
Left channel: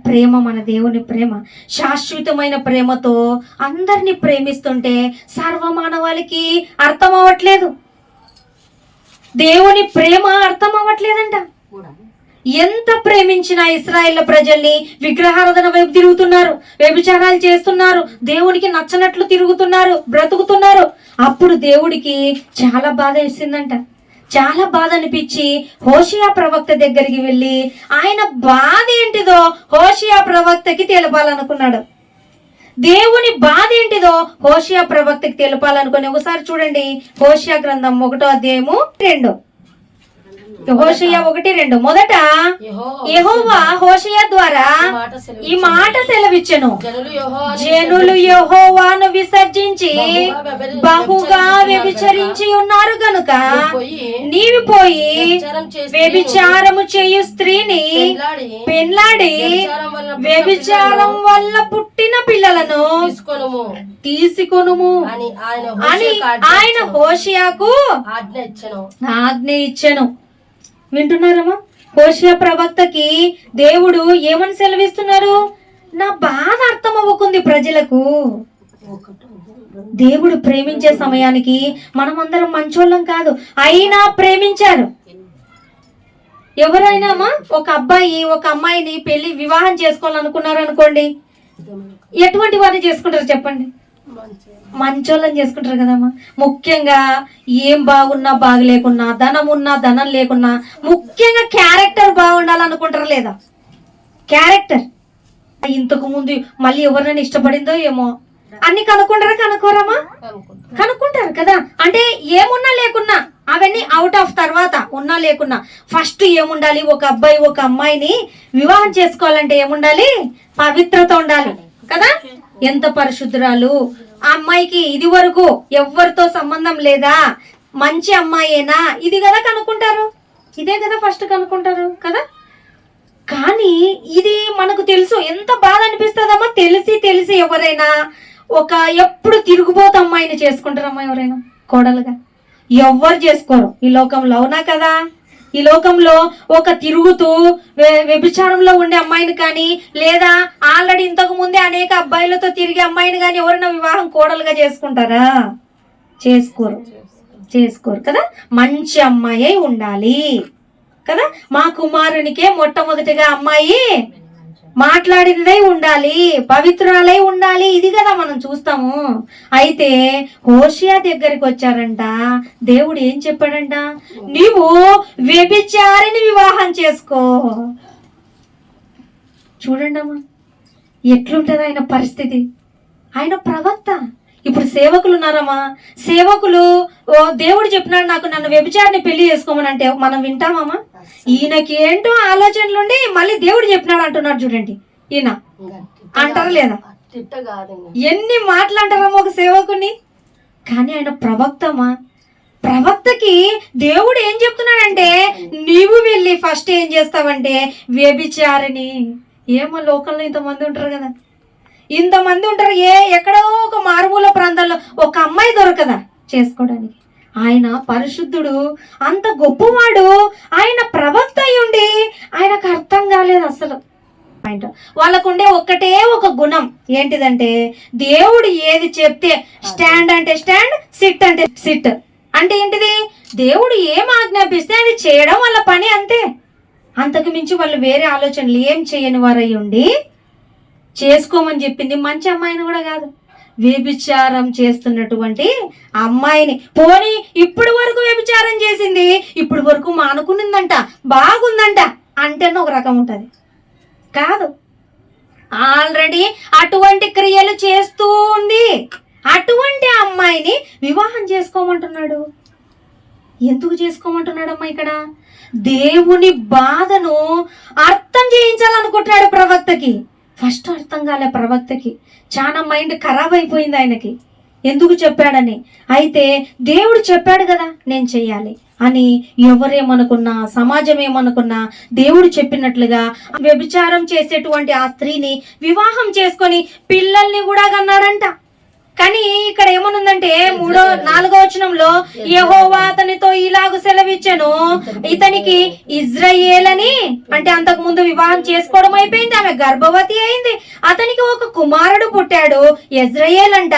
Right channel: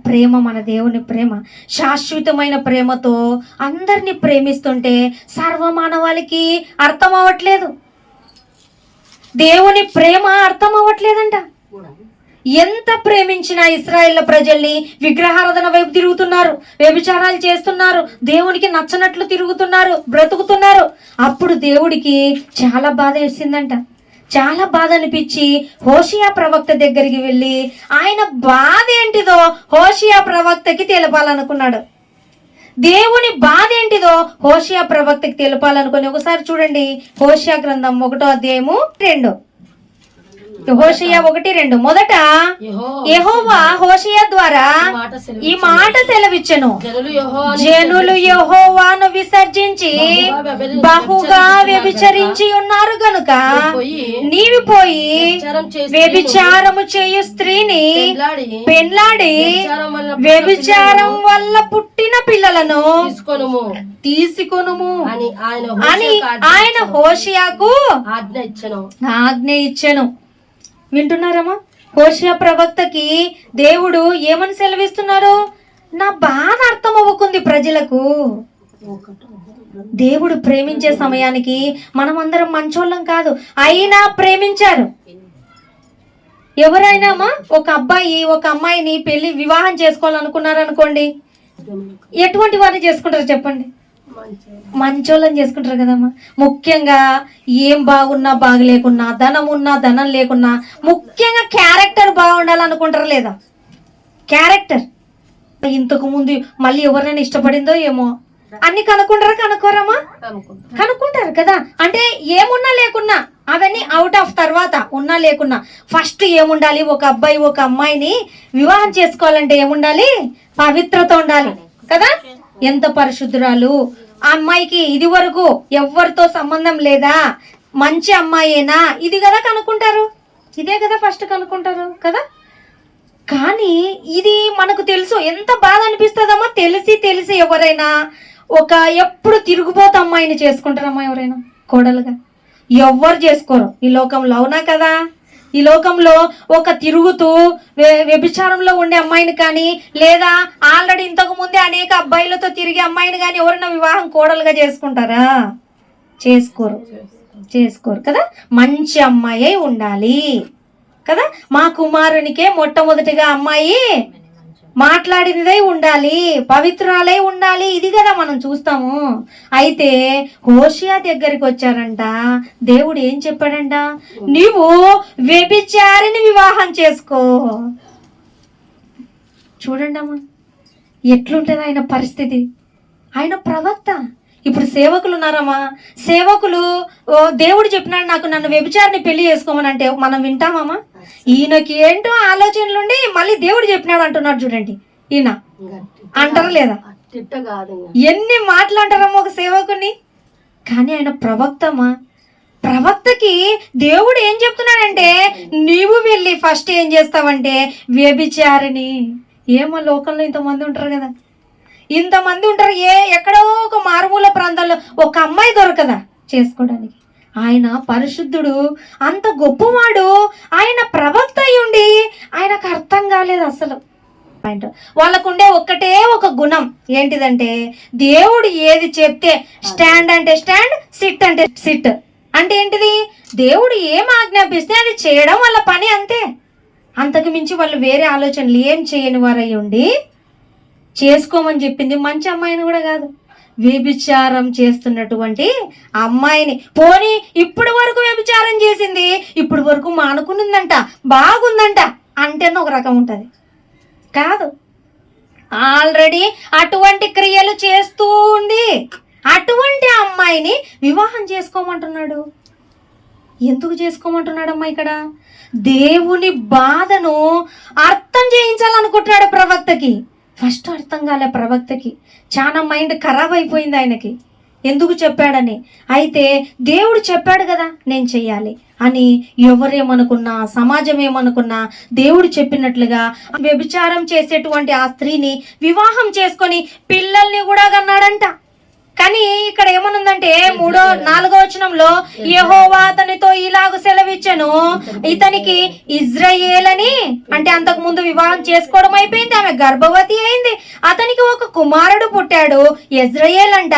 ప్రేమ మన దేవుని ప్రేమ. శాశ్వతమైన ప్రేమతో అందరినీ ప్రేమిస్తుంటే సర్వమానవాళికి అర్థం అవ్వట్లేదు. దేవుని ప్రేమ అర్థం అవ్వట్లేదంట. ఎంత ప్రేమించిన ఇశ్రాయేలు ప్రజల్ని విగ్రహారాధన వైపు తిరుగుతున్నారు, వ్యభిచారాలు చేస్తున్నారు, దేవునికి నచ్చనట్లు తిరుగుతున్నారు, బ్రతుకుతున్నారు. అప్పుడు దేవుడికి చాలా బాధ వేసిందంట. చాలా బాధ అనిపించి హోషియా ప్రవక్త దగ్గరికి వెళ్ళి ఆయన బాధ ఏంటిదో హోషియా ప్రవక్తకి తెలపాలనుకున్నాడు. దేవుని బాధ ఏంటిదో హోషేయ ప్రవక్తకి తెలపాలనుకుని ఒకసారి చూడండి. హోషేయ గ్రంథం 1వ అధ్యాయము 2. హోషేయ 1:2. మొదట యెహోవా హోషేయ ద్వారా ఈ మాట సెలవిచ్చెను, జనులు యెహోవాను విసర్జించి బహుగా వ్యభిచరించి ఉన్నారు గనుక నీవు పోయి వ్యభిచారము చేయు స్త్రీని పెండ్లాడి వ్యభిచారం వల్ల పుట్టిన పిల్లలను తీసుకొనుము అని ఆయన హోషేయకు ఆజ్ఞ ఇచ్చెను. వింటున్నారమ్మా? హోషేయ ప్రవక్తకి దేవుడు ఏమని సెలవిస్తున్నారు? నా బాధ అర్థం అవ్వకుంది ప్రజలకు. దేవుడు ప్రేమించే సమయానికి మనం అందరం మంచోళ్ళం కాదు, అయినా ప్రేమించారు. ఎవరైనా ఒక అబ్బాయి ఒక అమ్మాయిని పెళ్లి వివాహం చేసుకోవాలనుకున్నారు అనుకోండి, ఎటువంటి వారిని చేసుకుంటారు చెప్పండి? మంచోళ్ళని చేసుకుంటారు కదమ్మా. ముఖ్యంగా ఏం బాగున్నా బాగలేకున్నా, ధనం ఉన్నా ధనం లేకున్నా, ముఖ్యంగా క్యారెక్టర్ బాగుండాలనుకుంటారు లేదా? క్యారెక్టర్ ఇంతకు ముందు మళ్ళీ ఎవరినైనా ఇష్టపడిందో ఏమో అన్ని కనుక్కోరమ్మా? కనుక్కుంటారు కదా. అంటే ఏమున్నా లేకున్నా అవన్నీ అవుట్ ఆఫ్ తర్వాత ఉన్నా లేకున్నా ఫస్ట్ ఏముండాలి? ఒక అబ్బాయి ఒక అమ్మాయిని వివాహం చేసుకోవాలంటే ఏముండాలి? పవిత్రత ఉండాలి కదా. ఎంత పరిశుద్ధురాలు ఆ అమ్మాయికి, ఇది వరకు ఎవరితో సంబంధం లేదా, మంచి అమ్మాయేనా, ఇది కదా కనుక్కుంటారు. ఇదే కదా ఫస్ట్ కనుక్కుంటారు కదా. కానీ ఇది మనకు తెలుసు, ఎంత బాధ అనిపిస్తుందమ్మా. తెలిసి ఎవరైనా ఒక ఎప్పుడు తిరుగుబోతు అమ్మాయిని చేసుకుంటారమ్మా ఎవరైనా కోడలుగా? ఎవ్వరు చేసుకోరు ఈ లోకంలో, అవునా కదా. ఈ లోకంలో ఒక తిరుగుతూ వ్యభిచారంలో ఉండే అమ్మాయిని కానీ, లేదా ఆల్రెడీ ఇంతకు ముందే అనేక అబ్బాయిలతో తిరిగే అమ్మాయిని కానీ ఎవరైనా వివాహం కోడలుగా చేసుకుంటారా? చేసుకోరు కదా. మంచి అమ్మాయి ఉండాలి కదా. మా కుమారునికే మొట్టమొదటిగా అమ్మాయి మాట్లాడిందే ఉండాలి, పవిత్రాలై ఉండాలి, ఇది కదా మనం చూస్తాము. అయితే హోషేయ దగ్గరికి వచ్చారంట, దేవుడు ఏం చెప్పాడంట? నీవు వ్యభిచారిని వివాహం చేసుకో. చూడండి అమ్మా ఎట్లుంటది ఆయన పరిస్థితి. ఆయన ప్రవక్త. ఇప్పుడు సేవకులు ఉన్నారమ్మా, సేవకులు దేవుడు చెప్పినాడు నాకు నన్ను వ్యభిచారిని పెళ్లి చేసుకోమని అంటే మనం వింటామమ్మా? ఈయనకి ఏంటో ఆలోచనలుండి మళ్ళీ దేవుడు చెప్పినాడు అంటున్నాడు చూడండి. ఈయన అంటారా లేదా? ఎన్ని మాటలు అంటారమ్మా ఒక సేవకుని. కానీ ఆయన ప్రవక్తమా, ప్రవక్తకి దేవుడు ఏం చెప్తున్నాడంటే నీవు వెళ్ళి ఫస్ట్ ఏం చేస్తావంటే వ్యభిచారిని. ఏమో లోకంలో ఇంతమంది ఉంటారు కదా, ఇంతమంది ఉంటారు. ఎక్కడో ఒక మారుమూల ప్రాంతాల్లో ఒక అమ్మాయి దొరకదా చేసుకోవడానికి? ఆయన పరిశుద్ధుడు, అంత గొప్పవాడు, ఆయన ప్రవక్త అయ్యుండి ఆయనకు అర్థం కాలేదు అసలు. వాళ్ళకుండే ఒక్కటే ఒక గుణం ఏంటిదంటే దేవుడు ఏది చెప్తే స్టాండ్ అంటే స్టాండ్, సిట్ అంటే సిట్. అంటే ఏంటిది? దేవుడు ఏం ఆజ్ఞాపిస్తే అది చేయడం వాళ్ళ పని, అంతే. అంతకు మించి వాళ్ళు వేరే ఆలోచనలు ఏం చేయని వారై ఉండి చేసుకోమని చెప్పింది మంచి అమ్మాయిని కూడా కాదు, వ్యభిచారం చేస్తున్నటువంటి అమ్మాయిని. పోనీ ఇప్పుడు వరకు వ్యభిచారం చేసింది, ఇప్పుడు వరకు మానుకునిందంట, బాగుందంట అంటేనే ఒక రకం ఉంటుంది కాదు. ఆల్రెడీ అటువంటి క్రియలు చేస్తూ ఉంది. అటువంటి అమ్మాయిని వివాహం చేసుకోమంటున్నాడు. ఎందుకు చేసుకోమంటున్నాడమ్మా? ఇక్కడ దేవుని బాధను అర్థం చేయించాలనుకుంటున్నాడు ప్రవక్తకి. ఫస్ట్ అర్థం కాలే ప్రవక్తకి, చాలా మైండ్ ఖరాబ్ అయిపోయింది ఆయనకి ఎందుకు చెప్పాడని. అయితే దేవుడు చెప్పాడు కదా నేను చెయ్యాలి అని ఎవరేమనుకున్నా, సమాజం ఏమనుకున్నా, దేవుడు చెప్పినట్లుగా వ్యభిచారం చేసేటువంటి ఆ స్త్రీని వివాహం చేసుకొని పిల్లల్ని కూడా కన్నాడంట. కానీ ఇక్కడ ఏమనుందంటే 4వ వచనంలో యెహోవా అతనితో ఇలాగు సెలవిచ్చెను, ఇతనికి ఇజ్రాయేల్ అని, అంటే అంతకు ముందు వివాహం చేసుకోవడం అయిపోయింది, ఆమె గర్భవతి అయింది, అతనికి ఒక కుమారుడు పుట్టాడు, ఇజ్రాయేల్ అంట.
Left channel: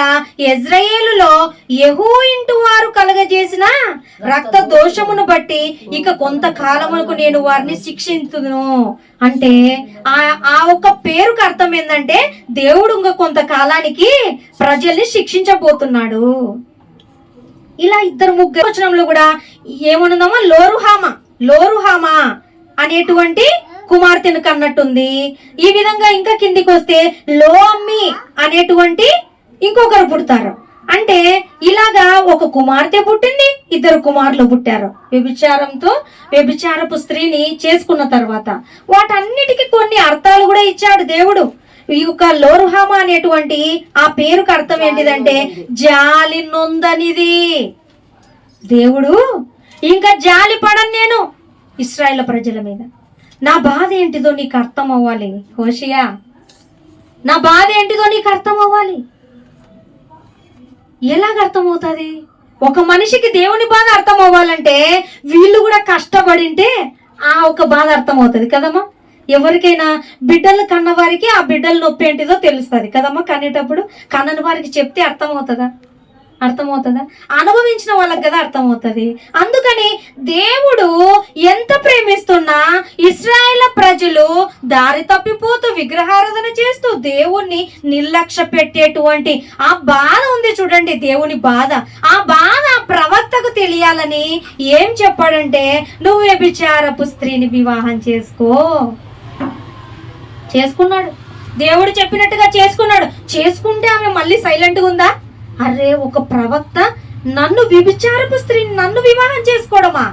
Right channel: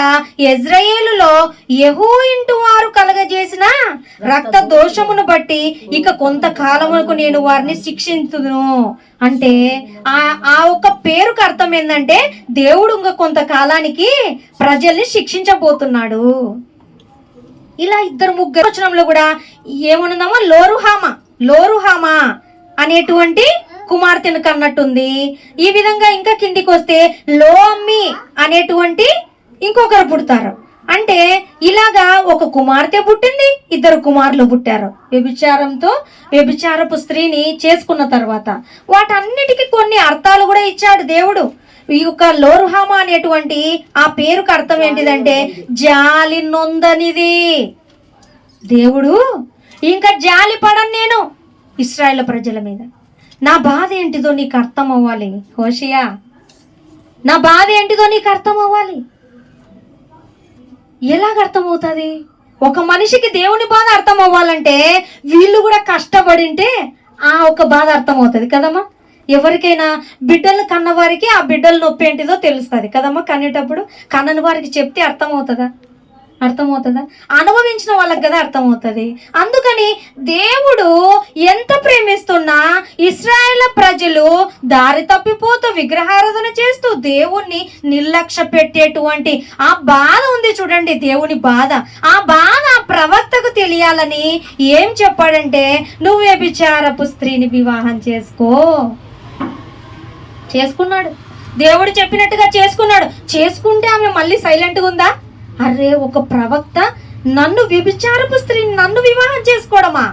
ఇజ్రాయేలులో యెహూ ఇంటి వారు కలగజేసిన రక్త దోషమును బట్టి ఇక కొంతకాలమునకు నేను వారిని శిక్షించుదును. అంటే ఆ ఒక్క పేరుకు అర్థం ఏంటంటే దేవుడు ఇంకా కొంతకాలానికి ప్రజల్ని శిక్షించబోతున్నాడు. ఇలా 2-3 వచనంలో కూడా ఏమనుందమ్మా, లోరుహామా అనేటువంటి కుమార్తెను కన్నట్టుంది. ఈ విధంగా ఇంకా కిందికి వస్తే లోమ్మి అనేటువంటి ఇంకొకరు పుడతారు. అంటే ఇలాగా ఒక కుమార్తె పుట్టింది, ఇద్దరు కుమారులు పుట్టారు. వ్యభిచారపు స్త్రీని చేసుకున్న తర్వాత వాటన్నిటికీ కొన్ని అర్థాలు కూడా ఇచ్చాడు దేవుడు. ఈ యొక్క లోరుహామా అనేటువంటి ఆ పేరుకు అర్థం ఏంటిదంటే జాలి నొందనిది. దేవుడు ఇంకా జాలి పడను నేను ఇశ్రాయేలు ప్రజల మీద. నా బాధ ఏంటిదో నీకు అర్థం అవ్వాలి హోషేయ, నా బాధ ఏంటిదో నీకు అర్థం అవ్వాలి. ఎలాగ అర్థమవుతుంది? ఒక మనిషికి దేవుని బాధ అర్థం అవ్వాలంటే వీళ్ళు కూడా కష్టపడింటే ఆ ఒక బాధ అర్థమవుతుంది కదమ్మా. ఎవరికైనా బిడ్డలు కన్నవారికి ఆ బిడ్డల నొప్పి ఏంటిదో తెలుస్తుంది కదమ్మా. కనేటప్పుడు కన్నని వారికి చెప్తే అర్థమవుతుందా? అనుభవించిన వాళ్ళకి కదా అర్థమవుతుంది. అందుకని దేవుడు ఎంత ప్రేమిస్తున్నా ఇశ్రాయేలు ప్రజలు దారి తప్పిపోతూ విగ్రహారాధన చేస్తూ దేవుణ్ణి నిర్లక్ష్య పెట్టేటువంటి ఆ బాధ ఉంది చూడండి, దేవుని బాధ. ఆ బాధ ప్రవక్తకు తెలియాలని ఏం చెప్పాడంటే, నువ్వు వ్యభిచారపు స్త్రీని వివాహం చేసుకున్నాడు. దేవుడు చెప్పినట్టుగా చేసుకుంటే ఆమె మళ్ళీ సైలెంట్గా ఉందా? అరే, ఒక ప్రవక్త నన్ను వ్యభిచారపు స్త్రీని నన్ను వివాహం చేసుకోవడమా?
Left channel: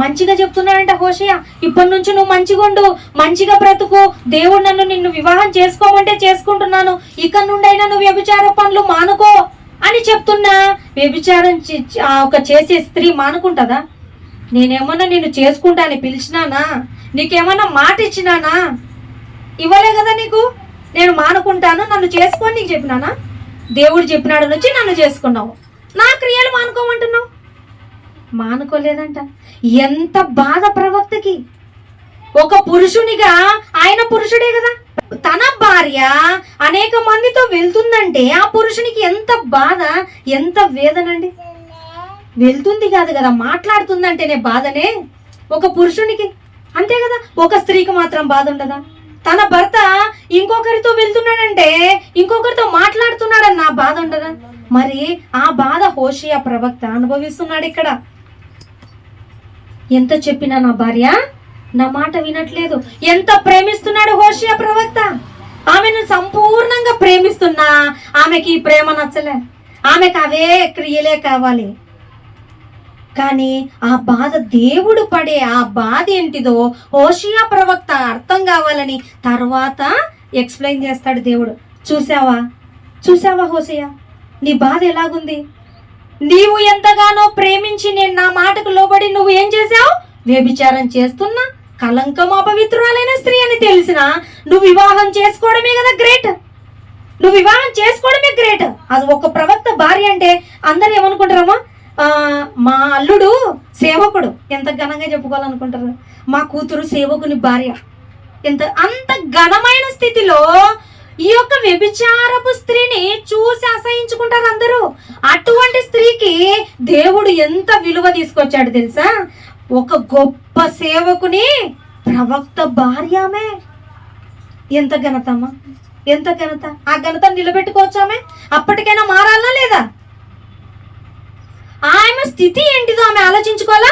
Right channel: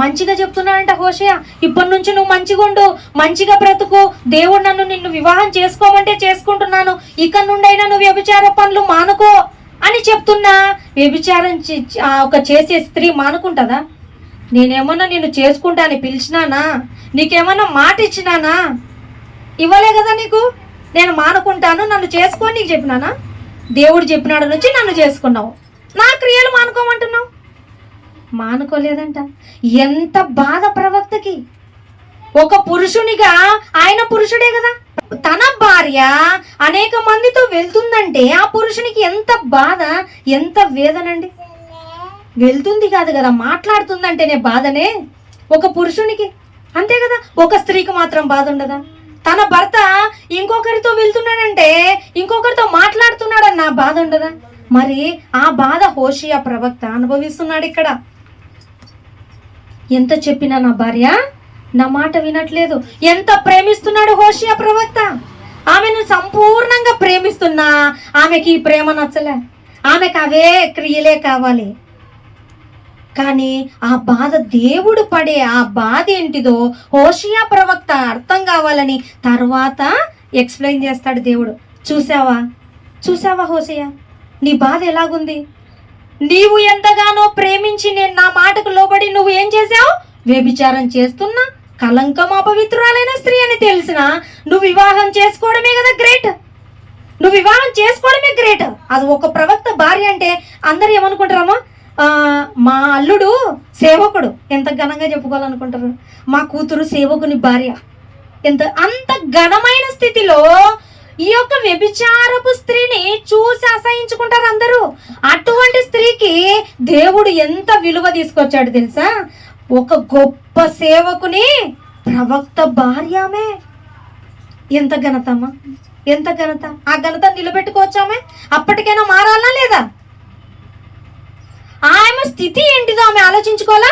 మంచిగా చెప్తున్నాడంట హోషేయ, ఇప్పటి నుంచి నువ్వు మంచిగా ఉండు, మంచిగా బ్రతుకు, దేవుడు నిన్ను వివాహం చేసుకోమంటే చేసుకుంటున్నాను, ఇక నుండైనా నువ్వు వ్యభిచార పనులు మానుకో అని చెప్తున్నా. వ్యభిచారం ఒక చేసే స్త్రీ మానుకుంటుందా? నేనేమన్నా నిన్ను చేసుకుంటా అని పిలిచినానా? నీకేమన్నా మాట ఇచ్చినానా? ఇవ్వలే కదా నీకు. నేను మానుకుంటాను, నన్ను చేసుకొని నీకు చెప్పినానా? దేవుడు చెప్పినాడు నుంచి నన్ను చేసుకున్నావు, నా క్రియలు మానుకోమంటున్నావు. మానుకోలేదంట. ఎంత బాధ ప్రవక్తకి. ఒక పురుషునిగా ఆయన పురుషుడే కదా, తన భార్య అనేక మందితో వెళ్తుందంటే ఆ పురుషునికి ఎంత బాధ, ఎంత వేదనండి. వెళ్తుంది కాదు కదా, మాట్లాడుతుందంటేనే బాధనే ఒక పురుషునికి, అంతే కదా. ఒక స్త్రీకి మాత్రం బాధ ఉండదా? తన భర్త ఇంకొకరితో వెళ్తున్నాడంటే, ఇంకొకరితో మాట్లాడుతున్నాడని నా బాధ ఉండదా? మరి ఆ బాధ హోషేయ ప్రవక్త అనుభవిస్తున్నాడు ఇక్కడ. ఎంత చెప్పినా నా భార్య నా మాట వినట్లేదు. ఎంత ప్రేమిస్తున్నాడు హోషేయ ప్రవక్త. ఆమెను సంపూర్ణంగా ప్రేమిస్తున్నా ఆమెకి ఈ ప్రేమ నచ్చలే, ఆమెకు అవే క్రియలే కావాలి. కానీ ఆ బాధ, దేవుడు పడే ఆ బాధ ఏంటిదో హోషేయ ప్రవక్త అర్థం కావాలని తర్వాత ఎక్స్ప్లెయిన్ చేస్తాడు దేవుడు. చూసావా హోషేయ, నీ బాధ ఎలాగుంది? నీవు ఎంతగానో ప్రేమించి నేను నా మాటకు లోబడి నువ్వు ఏం చేసావు? వ్యభిచారం చేస్తున్నా, కలంకం అపవిత్రురాలైన స్త్రీ అని తెలిసిన నువ్వు వివాహం చేసుకోవడమే కదా గ్రేట్. అది ఒక ప్రవక్త భార్య అంటే అందరు ఏమనుకుంటారమ్మా? మా అల్లుడు సేవకుడు, ఎంత ఘనంగా చెప్పుకోవాలనుకుంటారు. మా కూతురు సేవకుని భార్య, అంత ఘనమైన స్థితిలో ఈ యొక్క వ్యభిచారపు స్త్రీని చూసి అసహించుకుంటారు అందరూ. అటువంటి స్త్రీకి దేవుడు ఎంత విలువ తీసుకొచ్చాడు తెలుసా? ఒక గొప్ప సేవకుని ప్రవక్త భార్య ఆమె. ఎంత ఘనతమ్మా, ఎంత ఘనత. ఆ ఘనత నిలబెట్టుకోవచ్చామే? అప్పటికైనా మారాలా లేదా? ఆమె స్థితి ఏంటిదో ఆమె ఆలోచించుకోవాలా?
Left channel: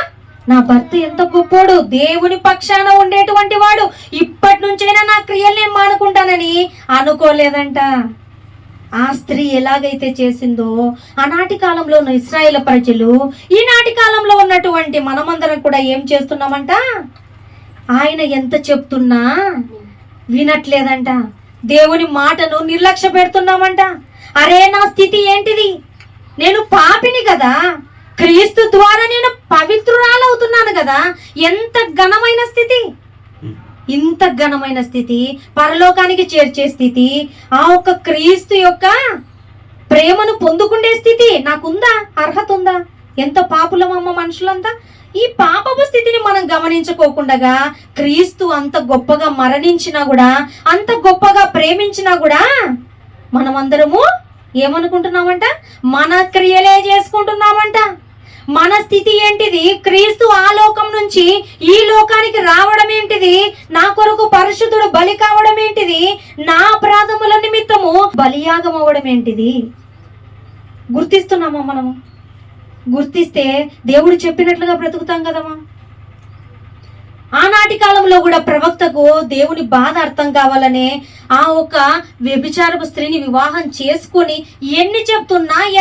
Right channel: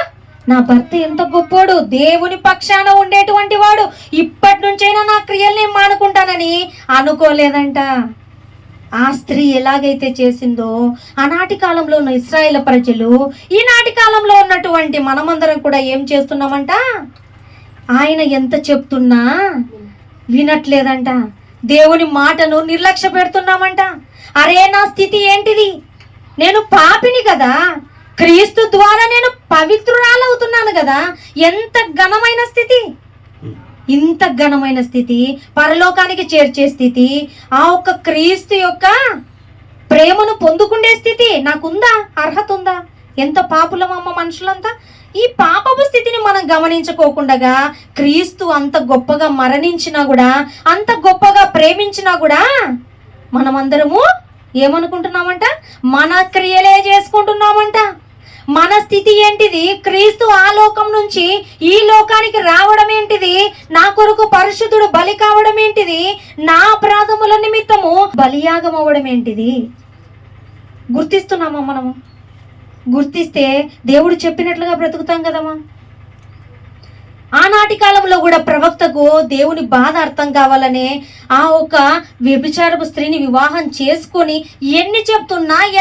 నా భర్త ఎంత గొప్పోడు, దేవుని పక్షాన ఉండేటువంటి వాడు, ఇప్పటి నుంచైనా నా క్రియలు నేను మానుకుంటానని అనుకోలేదంట. ఆ స్త్రీ ఎలాగైతే చేసిందో ఆనాటి కాలంలో ఉన్న ఇశ్రాయేలు ప్రజలు, ఈనాటి కాలంలో ఉన్నటువంటి మనమందరం కూడా ఏం చేస్తున్నామంట? ఆయన ఎంత చెప్తున్నా వినట్లేదంట. దేవుని మాటను నిర్లక్ష్య పెడుతున్నామంట. అరే, నా స్థితి ఏంటిది? నేను పాపిని కదా, క్రీస్తు ద్వారా నేను పవిత్రురాలవుతున్నాను కదా. ఎంత ఘనమైన స్థితి, ఇంత ఘనమైన స్థితి, పరలోకానికి చేర్చే స్థితి, ఆ ఒక్క క్రీస్తు యొక్క ప్రేమను పొందుకునే స్థితి నాకుందా? అర్హత ఉందా? ఎంత పాపులమమ్మ మనుషులంతా. ఈ పాపపు స్థితిని మనం గమనించుకోకుండా క్రీస్తు అంత గొప్పగా మరణించినా కూడా, అంత గొప్పగా ప్రేమించినా కూడా మనమందరము ఏమనుకుంటున్నామంట? మన క్రియలే చేసుకుంటున్నామంట. మన స్థితి ఏంటిది? క్రీస్తు ఆ లోకం నుంచి ఈ లోకానికి రావడం ఏంటిది? నా కొరకు పరిశుద్ధుడు బలి కావడం ఏంటిది? నా అపరాధముల నిమిత్తము బలియాగం అవ్వడం ఏంటిది? గుర్తిస్తున్నామా మనము? గుర్తిస్తే దేవుడు చెప్పినట్లుగా బ్రతుకుతాం కదమ్మా. ఆనాటి కాలంలో కూడా ప్రవక్తకు దేవుని బాధ అర్థం కావాలనే ఆ ఒక వ్యభిచారపు స్త్రీని వివాహం చేసుకుని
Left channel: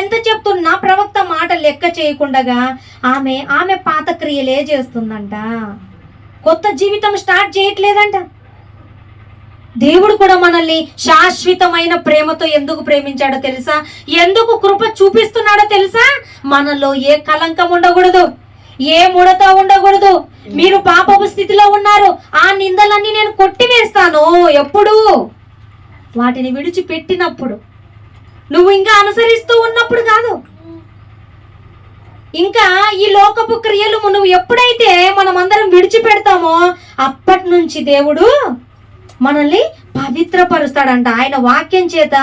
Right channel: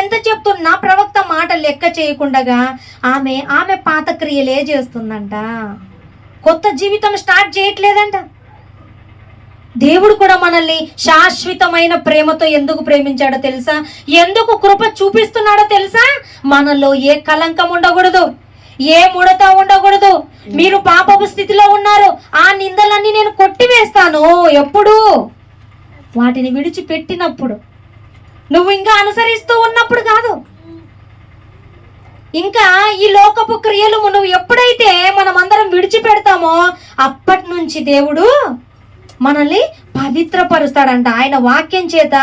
ఎంత చెప్తున్నా ప్రవక్త మాట లెక్క చేయకుండా ఆమె పాత క్రియలే చేస్తుందంట. కొత్త జీవితం స్టార్ట్ చేయట్లేదంట. దేవుడు కూడా మనల్ని శాశ్వతమైన ప్రేమతో ఎందుకు ప్రేమించాడో తెలుసా? ఎందుకు కృప చూపిస్తున్నాడో తెలుసా? మనలో ఏ కలంకం ఉండకూడదు, ఏ ముడత ఉండకూడదు. మీరు పాపపు స్థితిలో ఉన్నారు, ఆ నిందలన్నీ నేను కొట్టివేస్తాను. ఎప్పుడు? వాటిని విడిచిపెట్టినప్పుడు, నువ్వు ఇంకా అనుసరిస్తూ ఉన్నప్పుడు కాదు. ఇంకా ఈ లోకపు క్రియలు నువ్వు ఎప్పుడైతే మనమందరం విడిచిపెడతామో అప్పటి నుంచి దేవుడు మనల్ని పవిత్రపరుస్తాడంట. ఆయన వాక్యం చేత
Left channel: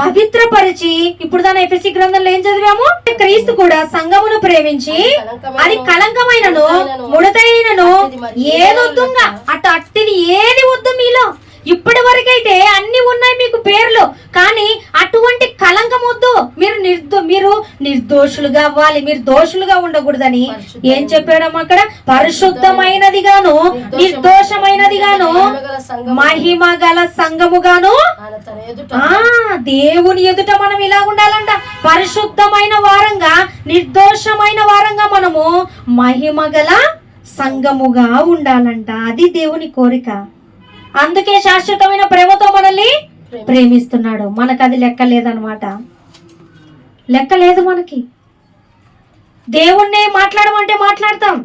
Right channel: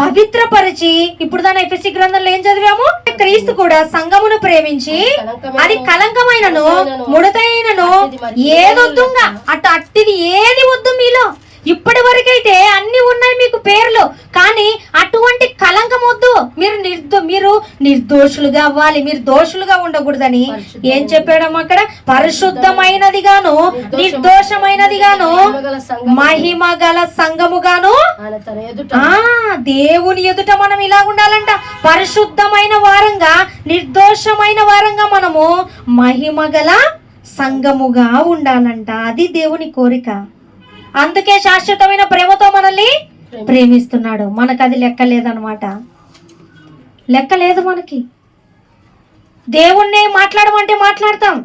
పవిత్రపరిచి, ఇప్పుడు దాని ఎఫెసీ గ్రంథంలో ఏం చదివాము? క్రీస్తు కూడా సంఘమును ప్రేమించి అది కలంకమైనను ముడతైనను ఏదొద్దుగా అట్టిది ఏది వద్దు మీలో. ఇప్పటి వరకైతే అన్ని ఉన్నాయి మీకు పేర్లు, కానీ అటువంటి కలంకం వద్దు. మీరు నిర్దోషులుగా అవ్వాలి, మీరు దోషులుగా ఉండకూడదని ఏం చెప్పాడమ్మ అక్కడ? పరిశుద్ధమైనది గాను నిర్దోషమైనది గాను మహిమ గల సంఘముగాను దేవుని ఎదుట మనం ఇలా ఉండాలంట. పరిశుద్ధమైన వారంగా, నిర్దోషమైన వారంగా మనము మహిమ గల సంఘముగా ఉండాలంట. అది దేవుని కోరిక. అందుకే శాశ్వతమైన ప్రేమతో మనల్ని ప్రేమిస్తున్నాడు. మనకు అది లెక్కలేదన్నమాట. లెక్కలేదు మనకి. దేవుణ్ణి మాట్లాడమంటే మాట్లాడతాం.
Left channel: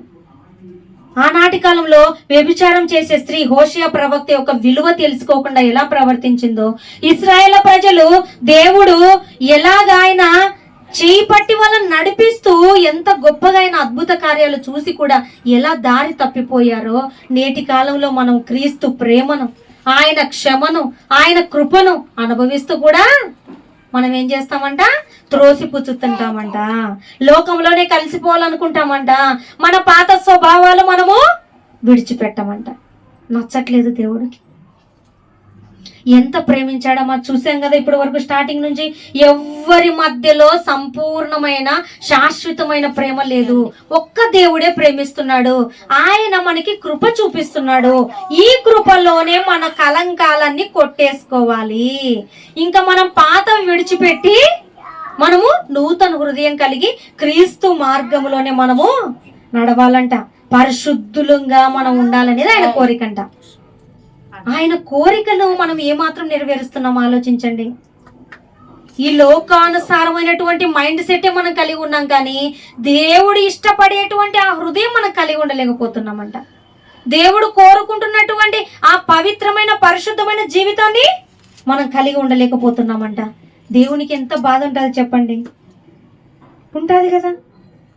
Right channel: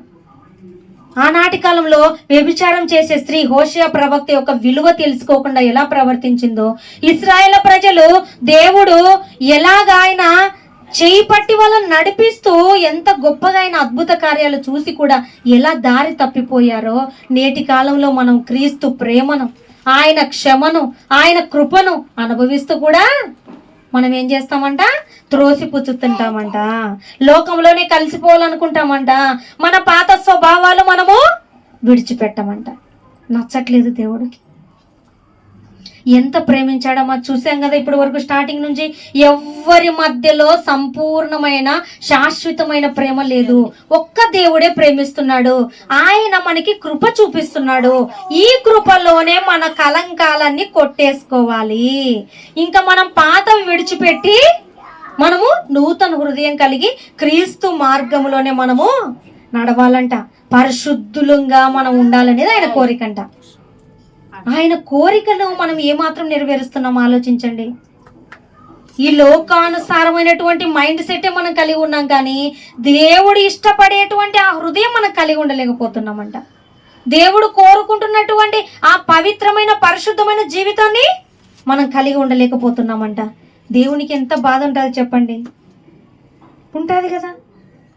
ఆనాటి కాలంలో వ్యభిచారం చేసే స్త్రీ హోషేయ ప్రవక్త యొక్క విలువ తెలుసుకోకుండా ఎలా ప్రవర్తించిందో, ఇశ్రాయేలు ప్రజలు దేవుడు ఎలాగ ఆయన చేయి పట్టి వాళ్ళని నడిపిస్తూ ఎంత గొప్పగా ఆయన అద్భుత కార్యాలు చూసి కూడా ఎలా దారి తప్పిపోయారో, నేటి కాలంలో మనం క్రీస్తు ప్రేమను, ఆయన క్షమను, ఆయన కృపను అనుభవిస్తూ కూడా మనం ఏం చేస్తామంట? త్రోసిపుచ్చుతుంటామంట. లోకంలోనే కలిసిపోవాలనుకుంటామంట. మన పాత స్వభావాలు మనము విడిచిపెట్టమంట. నచ్చట్లేదు దేవుడికి. ఎంత ప్రేమించాడమ్మా చూసాం కదా ఇప్పటి వరకు. స్టార్టింగ్ నుంచి ఎవ్వరి మధ్యలో సంపూర్ణమైన శాశ్వతమైన ప్రేమ లేదు. ఒక్క దేవుడే ప్రేమిస్తున్నాడు. ఆయన మనకి కృప చూపిస్తున్నాడు. ఈ కృపలోనే మన కలంకాలన్నీ కొట్టేసుకోవాలి. ఇంకా మనం పాతవి విడిచిపెట్టి మనము నూతన హృదయం కలిగి క్రీస్తు మార్గంలోనే మనము నడవాలంట. పరిశుద్ధులుగా మనం ఉండాలనేది ఆయన కోరికంట. ఆయన కోరికను మనం ఏమాత్రం నెరవేరుస్తున్నాం ఆలోచించండి. ఈ లోకానుసారమైనటువంటి మైండ్ సెట్టే మనం కలిగి ఉన్నాం, కానీ దేవుడు ఇష్టపడేటువంటి ఆ హృదయం మనం కలిగి ఉండలేకపోతున్నామంట. దేవుడు కోరుకుంటున్నటువంటి ఆ పవిత్రమైన పరిశుద్ధమైన జీవితాన్ని మనం కలిగి ఉండలేకపోతున్నామంట. దేవునికి ఎంత బాధ ఉంటుంది చెప్పండి? ఉంటుంది కదా.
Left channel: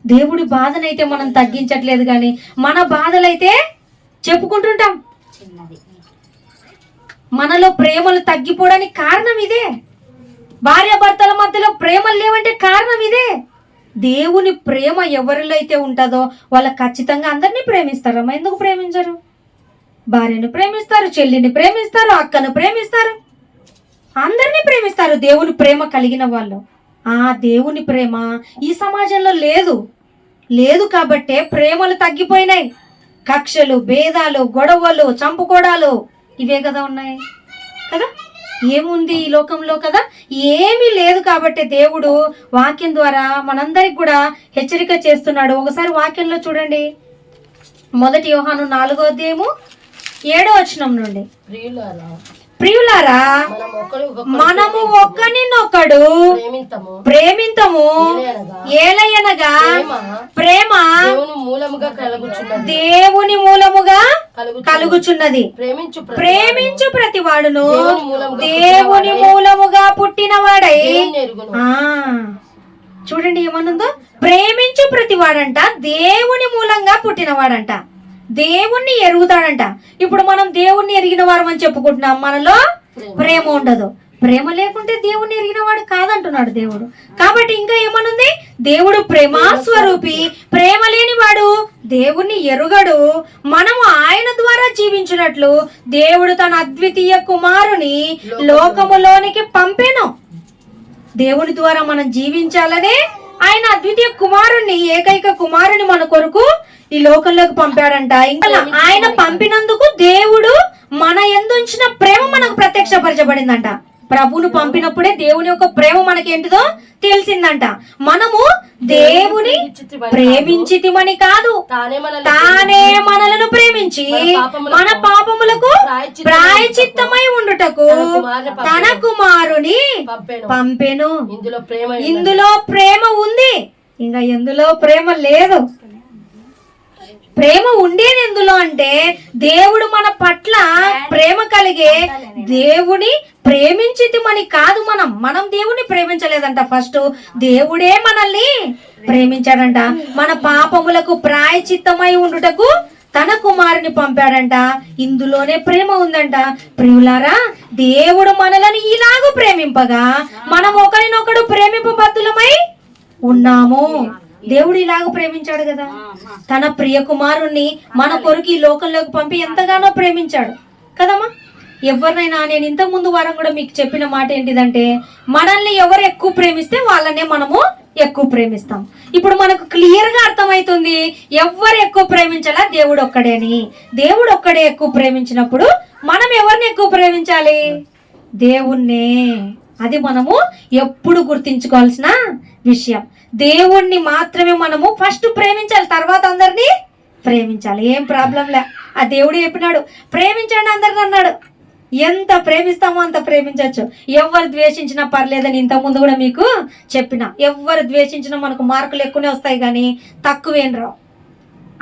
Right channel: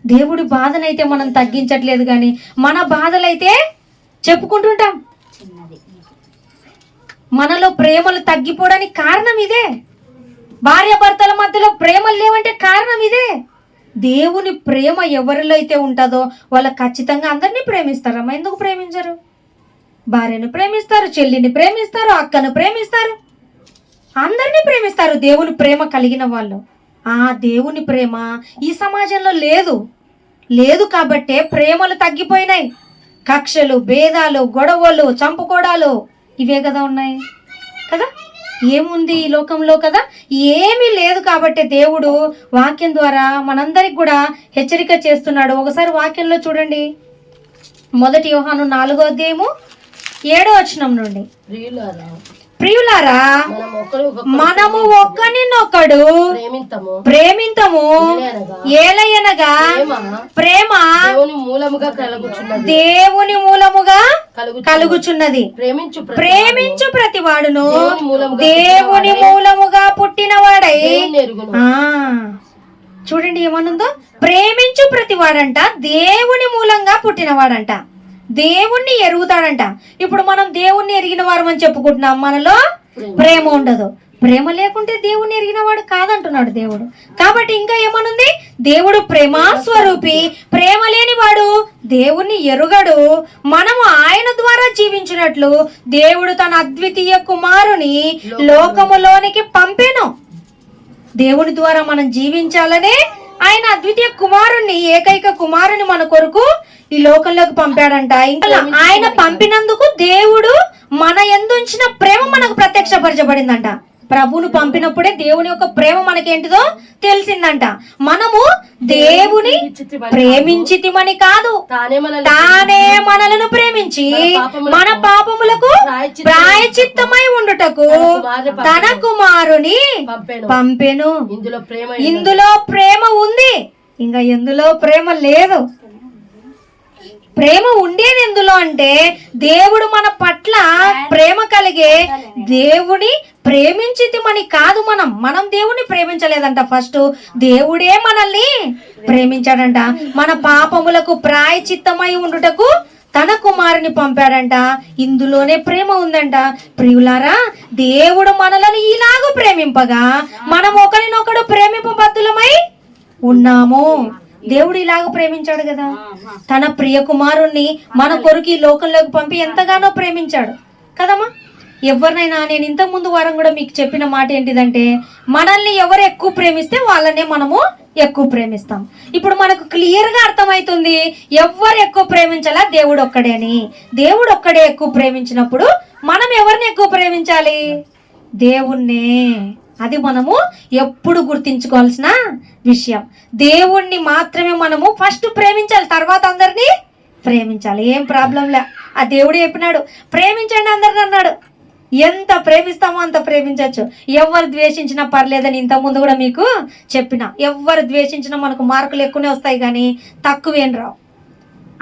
దేవుడి బాధనైతే మనం తగ్గించట్లేదు, కానీ మన బాధలైతే చెప్పుకుంటుంటాం. మనలో ప్రేమలు తగ్గిపోవడానికి కారణం ఇదే. భార్యాభర్తల మధ్యలో ప్రేమలు లేవంటే కారణం ఇదే. దేవుని ప్రేమ ఎవరిలో అయితే ఉంటుందో వాళ్ళు ఖచ్చితంగా అందరినీ ప్రేమిస్తారమ్మా. ఎందుకు ప్రేమించరు? భార్యను ప్రేమిస్తారు, చెల్లిని ప్రేమిస్తారు, అక్కను ప్రేమిస్తారు, అందరినీ ప్రేమిస్తారు. దేవుని ప్రేమ కలిగిన వాళ్ళు. ఆ దేవుని ప్రేమ ఈ సమాజంలో లేదు కాబట్టే ప్రేమలు తగ్గిపోయినాయి. కక్షలు, భేదాలు, గొడవలు, చంపుకోడాలు ఇవే కదా ఉన్నాయి కదా. ఏముంది ఈ లోకంలో కదా? ఏమీ లేదు. కాబట్టి దేవుడు వాక్యం ద్వారా మనందరికి కూడా హెచ్చరిక చేస్తున్నాడు. ఒకసారి వాక్యంలో చూడండి, 1 యోహాను 4వ అధ్యాయము 7వ వచనం నుండి. ప్రియులారా, మనము ఒకరినొకడు ప్రేమింతము, ఏలయనగా ప్రేమ దేవుని మూలముగా కలుగుచున్నది. ప్రేమించు ప్రతివాడును దేవుని మూలముగా పుట్టినవాడై. చూడండి ఏమనుందో, ప్రేమించు ప్రతివాడంట దేవుని మూలంగా పుట్టినవాడంట, దేవుణ్ణి ఎరుగుతాడంట. ఇప్పుడు మనం దేవుణ్ణి ఎరిగిన వారు అని చెప్పుకుంటున్నాం, మనలో ప్రేమ ఉండదు. ప్రేమ లేకుంటే దేవుణ్ణి ఎరిగిన వాడు కాదంటున్నాడు దేవుడు. కాబట్టి ఇంకా ఏమనుంది? దేవుడు ప్రేమా స్వరూపి, ప్రేమ లేని వాడు దేవుణ్ణి ఎరుగడు. మనము ఆయన ద్వారా జీవించినట్లు దేవుడు తన అద్వితీయ కుమారుని లోకములోనికి పంపెను. దేవుని ద్వారా మనం జీవించాలనే ఆయన అద్వితీయ కుమారుణ్ణి, ఏకైక కుమారుని మన కొరకు ఈ లోకంలోకి పంపాడంట. ఇంకా ఆయన పంపినందుకు దేవుడు మన యందు ఉంచిన ప్రేమ మనకు ప్రత్యక్షపరచబడిందంట. ప్రభువును పంపినప్పుడే దేవుని యొక్క ప్రేమ మనకేంటిదో తెలిసిందంట. మనము దేవుని ప్రేమించితిమని కాదు, తానే మనలను ప్రేమించి మన పాపములకు ప్రాయచిత్తమై ఉండుటకు తన కుమారుని పంపెను. ఇందులో ప్రేమ ఉంది, ఇంకా ఎందులో ప్రేమ లేదు. ప్రేమ ఉండేది ఎందులో అంటే దేవుడు మన పట్ల ప్రేమ కలిగే దేవుని ప్రేమించితిమని కాదు. మనం దేవుని ప్రేమించలేదంట. ఫస్ట్ దేవుడే మనల్ని ప్రేమించాడంట. మన పాపములకు ప్రాయచిత్తమై ఉండుటకు తన కుమారుని పంపాడంట. ఇందులోనే ప్రేమ ఉందంట. ప్రియులారా, దేవుడు మనలను ఇలాగూ ప్రేమింపగా మనం ఒకరినొకడు ప్రేమింపబద్ధులమై ఉన్నాము. దేవుడు ఇలాగ ప్రేమించాడు కదా, తన ప్రియ కుమారుణ్ణి మన కొరకు ఈ లోకంలోకి పంపి ఎంతగానో ప్రేమించాడు కదమ్మా. ఎవరినైనా, నేను ఇంతకు ముందు వారం కూడా మీకు చెప్పిన మాట ఏంటిదంటే, మనల్ని ఎవరు ఎక్కువ ప్రేమిస్తే వాళ్ళనే మనము ఎక్కువ ప్రేమిస్తాం. ఇప్పుడు మనకు క్లియర్ గా అర్థమవుతుంది ఎవరు ఎక్కువ ప్రేమించాలా, దేవుడు ఒక్కడే అని. దేవుడు ఒక్కడే ఎక్కువ ప్రేమించినప్పుడు మనం ఎవరిని ఎక్కువ ప్రేమించాలి, దేవుణ్ణే. అది మనము ఎప్పుడు గుర్తించుకోవాల్సిన విషయం. దేవుణ్ణి మాత్రమే మనము ఫస్ట్ ప్రేమించాలి, తర్వాత అందరినీ ప్రేమించాలి. ఏం ప్రాబ్లంలే. ఆ దేవుడు చెప్పినాడు ప్రేమించండి అందరిని అన్నాడు. ఎంత ప్రేమిస్తామో అంత ప్రేమించవచ్చు. ఎవరు ద్వేషించినా పర్లేదని ఇంతకుముందు కూడా మీకు చెప్పిన. ఎవరు ద్వేషించినా మనకు మార్కులు ఎక్కువనే వస్తాయి కానీ తక్కువేం రావు.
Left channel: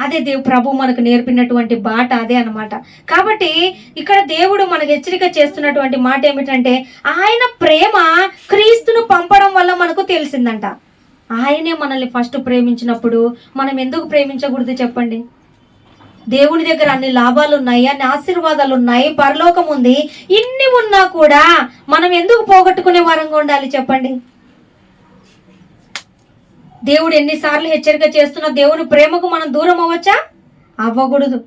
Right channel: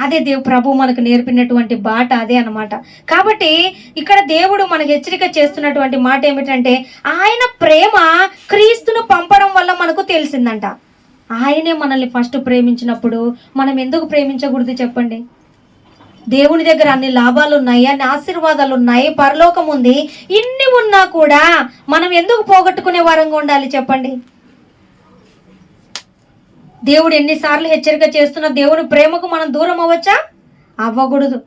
అదే ప్రభు మనకు నేర్పినటువంటి బాట అదే అన్నమాట. కాబట్టి ఇక్కడ దేవుడు మనకు హెచ్చరిక చేస్తున్నటువంటి మాట ఏమిటంటే, ఆయన ప్రేమ క్రీస్తును పంపడం వల్ల మనకు తెలిసిందంట. ఆయనే మనల్ని ఫస్ట్ ప్రేమించినప్పుడు మనం ఎందుకు ప్రేమించకూడదు చెప్పండి. దేవుని దగ్గర అన్ని లాభాలు ఉన్నాయి, అన్ని ఆశీర్వాదాలు ఉన్నాయి, పరలోకం ఉంది. ఇన్ని ఉన్నా కూడా మనం ఎందుకు పోగొట్టుకునే వారంగా ఉండాలి చెప్పండి. దేవుడు ఎన్నిసార్లు హెచ్చరిక చేస్తున్నా దేవుని ప్రేమకు మనం దూరం అవ్వచ్చా? అవ్వకూడదు.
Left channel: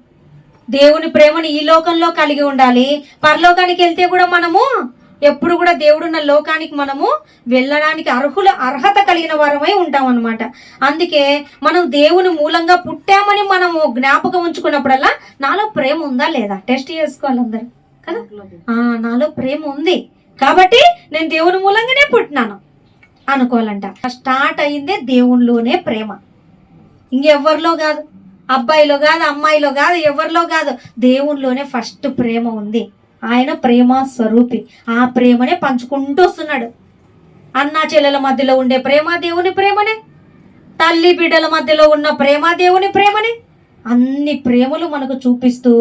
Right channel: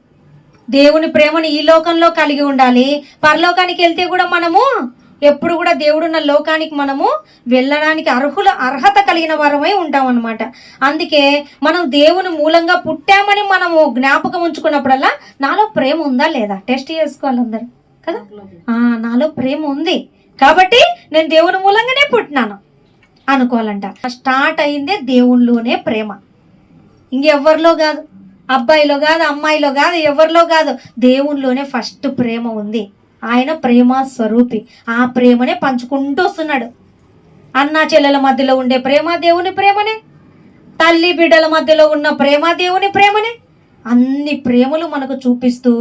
దేవుని ప్రేమను ఈ లోకంలో కలిగి ఉండాలి. పరలోకానికి వెళ్తే కూడా మనము ఎప్పుడు కూడా దేవుడున్న లోకానికి మనము వెళ్ళడానికి అర్హత కలిగిన వారమై ఉంటాం అన్నమాట. అందుకే మనం దేవుని మూలంగా పుట్టామని మనము జ్ఞాపకం ఉంచుకున్నప్పుడల్లా నాలో ప్రేమ ఉందా లేదా టెస్ట్ చేసుకోవాలి అందరు కదా. నాలో ప్రేమ ఉంది కాబట్టి నేను దేవుని మూలంగానే పుట్టినాను అనుకోవాలంట. స్టార్ట్ అయిందే దేవునిలోనే ప్రేమ, ఇంకెవరిలో కాదు. అబ్బాయిలో కాదు, అమ్మాయిలో కాదు, ఎవరిలో కాదు. దేవునిలోనే ఫస్ట్ ప్రేమ ఉంది. ఆయన ప్రేమ స్వరూపి. ఆ ప్రేమనే పంచుకుంటూ వస్తున్నాడు. అన్నా చెల్లెల మధ్యలో ఉండే ప్రేమ దేవుని ప్రేమనే, తల్లి బిడ్డల మధ్యలో ఉన్న ప్రేమ దేవుని ప్రేమనే. అన్ని ప్రేమలు మనకు చూపిస్తూ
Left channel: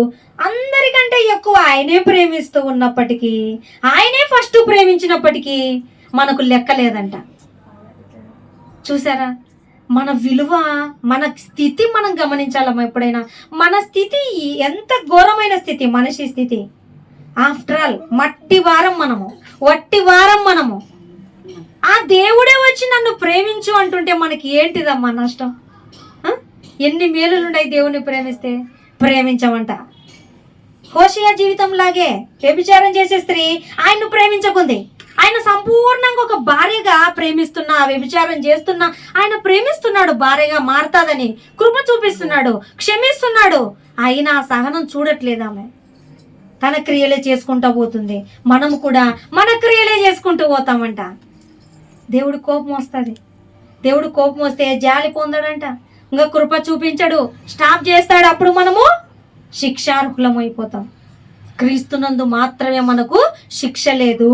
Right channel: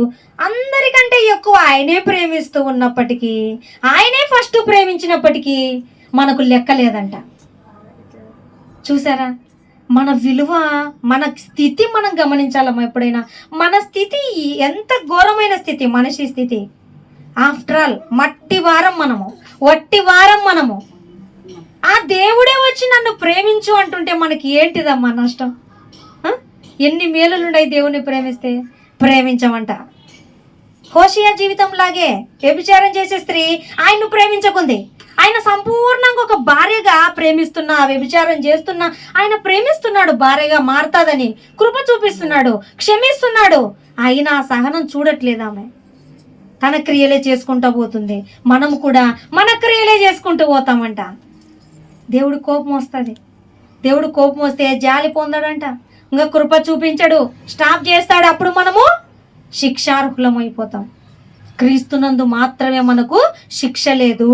అందరికంటే ఎక్కువ ఆయనే ప్రేమిస్తూ ఉన్నప్పటికీ, ఆయనే ఫస్ట్ ప్రేమించినప్పటికీ మనకు లెక్కలేదంట. చూసారా, మన విలువ, మన స్థితి మనం గమనించాలమ్మా ఎప్పుడైనా. మన స్థితి ఎంత ఘోరమైన స్థితి, మనిషి స్థితి. ఆఫ్టర్ ఆల్ మట్టి వారం మనము, వట్టి వారం మనము. ఆ దేవుడే వచ్చి నన్ను ప్రేమించు అంటుంటే మనకి ఏంటిదమ్మా నష్టం? ఎన్ని మేలులున్నాయి దేవుని ప్రేమిస్తే. ప్రేమించమంట. హోషియా జీవితం లాగే వ్యభిచారం చేసే స్త్రీ ఆయన్ను ప్రేమించకుంది. ఆయన సంపూర్ణంగా ఒక భార్యగా ప్రేమిస్తున్నా, వ్యభిచారం చేస్తున్నా ఆయన ప్రేమిస్తున్నాడు. భార్యగా మారుతాదని కృప చూపిస్తున్నాడు, క్షమిస్తున్నాడు. అయినా ఆ సహనం చూడట్లేదు ఆమె. తన క్రియలే చేసుకుంటూ పోతుంది. మనము కూడా మన క్రియలే చేసుకుంటూ పోతామంట. దేవుడు కోపం వస్తుంది. దేవుడు కోపం వస్తే జాలి పొందాడంట, ఇంకా కృప చూపించడు, స్టాప్ చేస్తాడు. అప్పుడు మనము శిక్షార్హులం అయిపోతాం. క్రీస్తునందు మాత్రమే మనకు శిక్ష లేదు,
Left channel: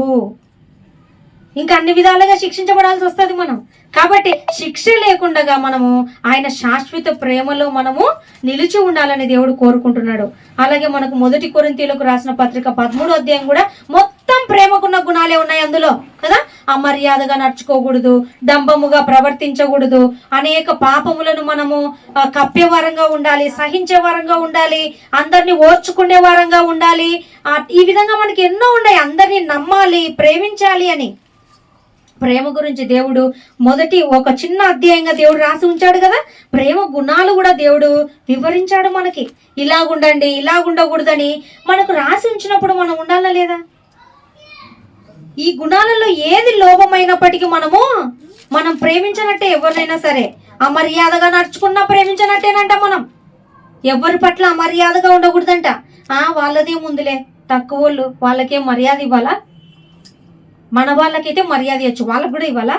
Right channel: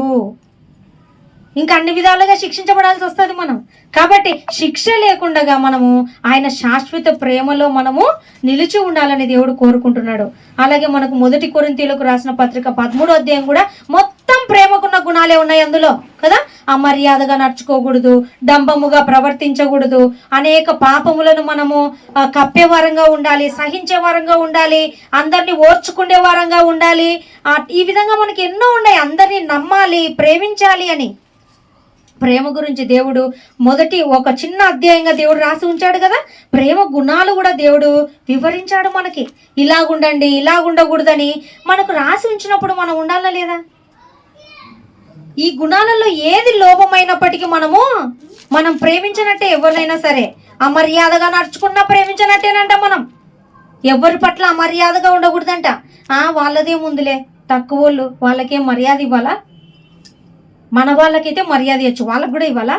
ఇంకా అన్ని విధాలుగా శిక్షించబడాల్సి వస్తుంది మనం. కాబట్టి శిక్ష లేకుండా మనము ఆయన శాశ్వత ప్రేమలో మనము నిలిచి ఉండాలని దేవుడు కోరుకుంటున్నాడు. అలాగే మనకు 1 కొరింథీయులకు రాసిన పత్రిక 13వ అధ్యాయం కూడా మొత్తం ప్రేమకున్న గుణాలే ఉన్నాయి అందులో కదా. అమర్యాదగా నడుచుకోకూడదు, డంబముగా ప్రవర్తించకూడదు, అనేక పాపములను మనము కప్పే వారంగా ఉండాలి, సహించే వారంగా ఉండాలి, అందరినీ ఓర్చుకునే వారంగా ఉండాలి. ఈ విధంగా మనకి ఎన్నో ఉన్నాయి. అందరినీ నమ్మాలి, ప్రేమించాలి అని. ప్రేమ గురించి దేవుడు ఒక చిన్న అధ్యాయంగా దేవుడు రాసి ఉంచాడు కదా. ప్రేమ గుణాలు కూడా దేవుడు వివరించాడు మనకి. ఇలాగుండండి, ఇలాగుండకూడదని మనకు రాసి ఉంచినప్పుడు మనం ఉండాలా లేదా? ఈ గుణాలలో ఏది లోపమైనప్పటికీ మనం ప్రేమించినట్టే. ఎవరినైనా సరే అమర్యాదగా నడుచుకున్నా ప్రేమించినట్టేనంట. మనం ఎవరి పట్ల అమర్యాదగా ఉండకూడదంట. వాళ్ళదే ముందులే, తక్కువ వాళ్ళు, వాళ్ళకేం మర్యాద ఇవ్వాలా? మన వాళ్ళకైతే మర్యాద ఇవ్వచ్చు, వాళ్ళకు కూడా ఇవ్వాలా?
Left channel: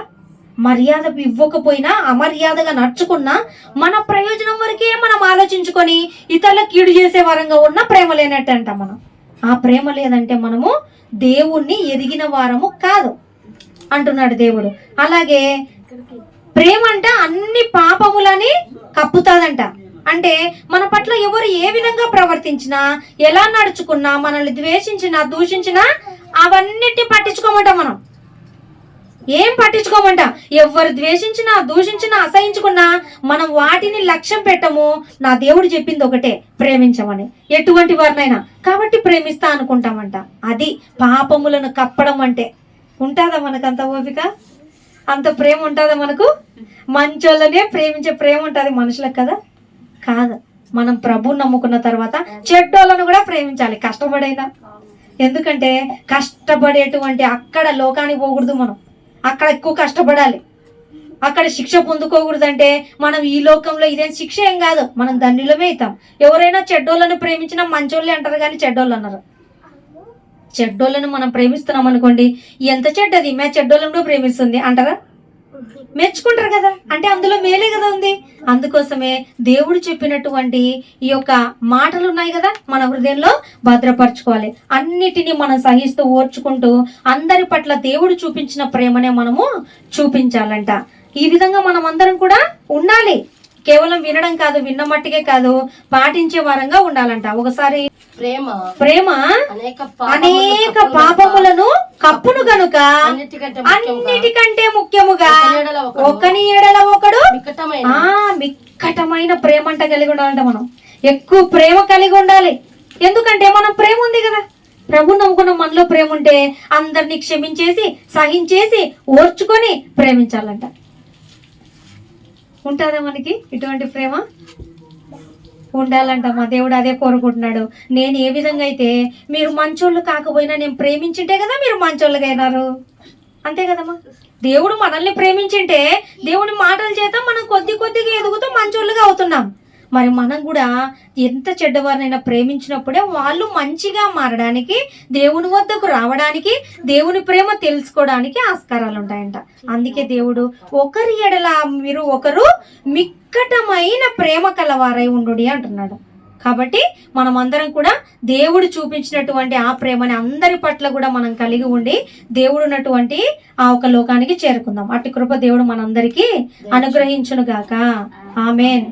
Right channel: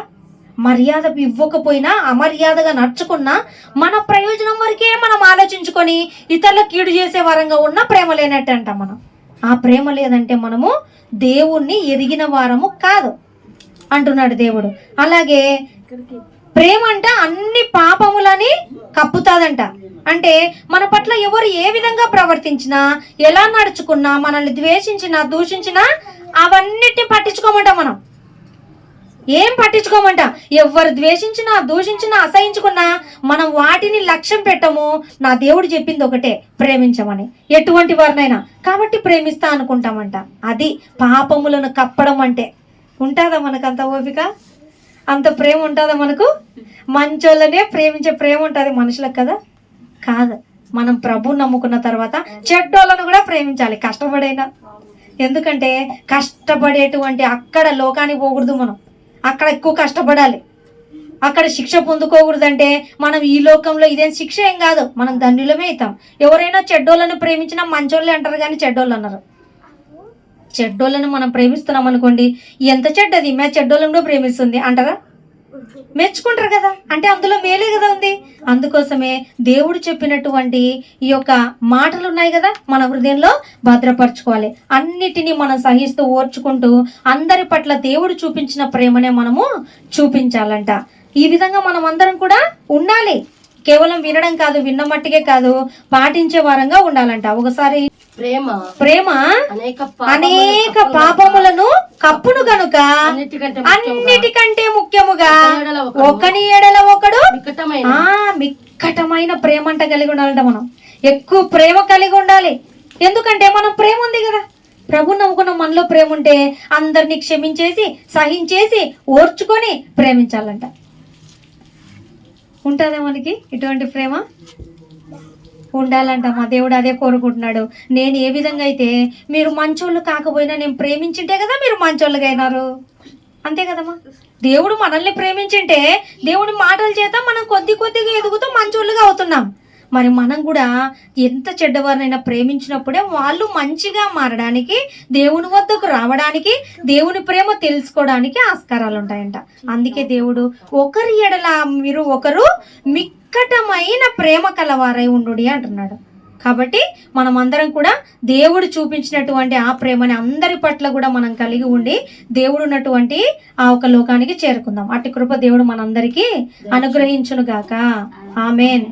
మర్యాద ఇవ్వకపోయినా, అమర్యాదగా నడుచుకున్నా మన ప్రయోజనం వరకే మనం ఆలోచించుకొని ఇతరులకు కీడు చేసే వరంగా ఉన్న ప్రేమ లేనట్టు అంట. మనం ఆ ప్రేమ లేదంటే మనము దేవుణ్ణి ఎరిగిన వారము కాదు అంటున్నాడు దేవుడు. అలాగే ప్రేమ అంట అన్ని పాపములని కప్పుతాదంట. అంటే మన పట్ల ఎవరు ఏ విధంగా ప్రవర్తించినా, ఎలా నడుచుకున్నా, మనల్ని ద్వేషించినా, దూషించినా అవన్నిటిని పట్టించుకోమంట. మనం ఏం పట్టించుకోమంట. ఎవరు ద్వేషించినా, దూషించినా, అసహించుకున్నా మనం వాటిని లక్ష్యం పెట్టము. నా దేవుడు చెప్పింది ఒకటే, ప్రేమించమని, ఎటువంటి వారినైనా. కాబట్టి ప్రేమిస్తా అనుకుంటామంట. అది పాపములను కప్పడం అంటే. ఉంటుందా మనకు అంత ఓపిక? అంత ప్రేమ ఉంటుందా మనకు? మంచోళ్ళనే ప్రేమించే ప్రేమ ఉంటుంది మనుషులకు కదా? కాదు. మనం ప్రభువుని నమ్ముకున్న తర్వాత చెడ్డోళ్ళను కూడా ప్రేమించాలి, కష్టపడైనా. ఎందుకంటే కష్టపడేటువంటి అక్కడ లోకానికి పోకూడదు. మనం అక్కడ ఎక్కువ కష్టపడాలి, అక్కడ శిక్ష పొందుకోకూడదంటే మనం ఈ లోకంలో ఇదేం శిక్ష ఏం కాదు, మనం ధన్యులమే అవుతాం. ఎవరైనా చెడ్డోళ్ళను ప్రేమించినా మంచోళ్ళే అంటారు కానీ చెడ్డోళ్ళు అన్నారు. చెడ్డోళ్ళను మనం ప్రేమిస్తున్నాం అనుకోండి, ఎంత చెడ్డది మే చెడ్డోళ్ళను ప్రేమిస్తుంది అంటారా? మెచ్చుకుంటారు కదా. అంటే అందులో మేలే కదా ఉంది. అందుకోసమే దేవుడు చెప్పినటువంటి ఈ యొక్క మాటలు ఉన్నాయి కదా, మన హృదయంలో భద్రపరచుకోవాలి. అన్నిటినీ మనం సహిస్తూ ఓర్చుకుంటూ అందరి పట్ల దేవుడు చూపించిన ప్రేమనే మనము చూపించాలంట. ఈ విధంగా మనం అందరం కూడా ఉండాలి. కేవలం వినడం కాదు, విన్న మట్టికే కాదు, పాటించే వారంగా ఉండాలంట. ఒకసారి ప్రేమ అనేక పాపములను కప్పును గనుక అన్నిటికంటే ముఖ్యముగా ఒకని ఎడల ఒకడు మిక్కటమైన ప్రేమ అంట కలిగి ఉండాలంట. మనం ఎక్కువ ప్రేమ కలిగి ఉండాలి. ఎందుకంటే మనం ప్రేమ ఉంది కదా, ప్రభుని నమ్ముకున్న మనలో ప్రేమ ఉంటే అందరినీ క్షమించేసి, సహించేసి, ఓర్చుకొని ప్రేమించాలంట. ఉంటుందా మనకి ఇటువంటి ప్రేమ? ఉండాలంట. మా దేవుడు అదే కోరుకుంటున్నాడు. నేను ఏ విధంగా అయితే మీరు మంచోళ్ళు కాకపోయినా నేను ప్రేమించింటే కదా మీరు మంచోళ్ళుగా అయినారు. అంతే కదమ్మా. దేవుడు మనల్ని ప్రేమించింటే దేవుడి మాటల చేత మనం కొద్దిగా ఎదుగుతూ మంచోళ్ళుగా అవుతున్నాం. మరి మనం కూడా ఎంత చెడ్డవారినైనా ప్రేమించినప్పుడే వాళ్ళు మంచిగా మారడానికి, దేవుని వద్దకు రావడానికి, దేవుని ప్రేమ తెలుసుకోవడానికి ఆస్కారాలు ఉంటాయంట. అందుకే దేవుడు ఒకరి ఎడల మీరు ఒకరు మిక్కటమైన ప్రేమ కలవారై ఉండుడి అంటున్నాడు. కాబట్టి మనం అందరం కూడా దేవుడు చూపించినటువంటి ఆ ప్రేమని అందరి పట్ల కూడా మనం కలిగి ఉండి దేవుడు ఉన్నటువంటి ఆ ఒక లోకానికి చేరుకుందాం. అట్టి కృప దేవుడు మనందరికీ అనుగ్రహించును గాక. ఆమేన్.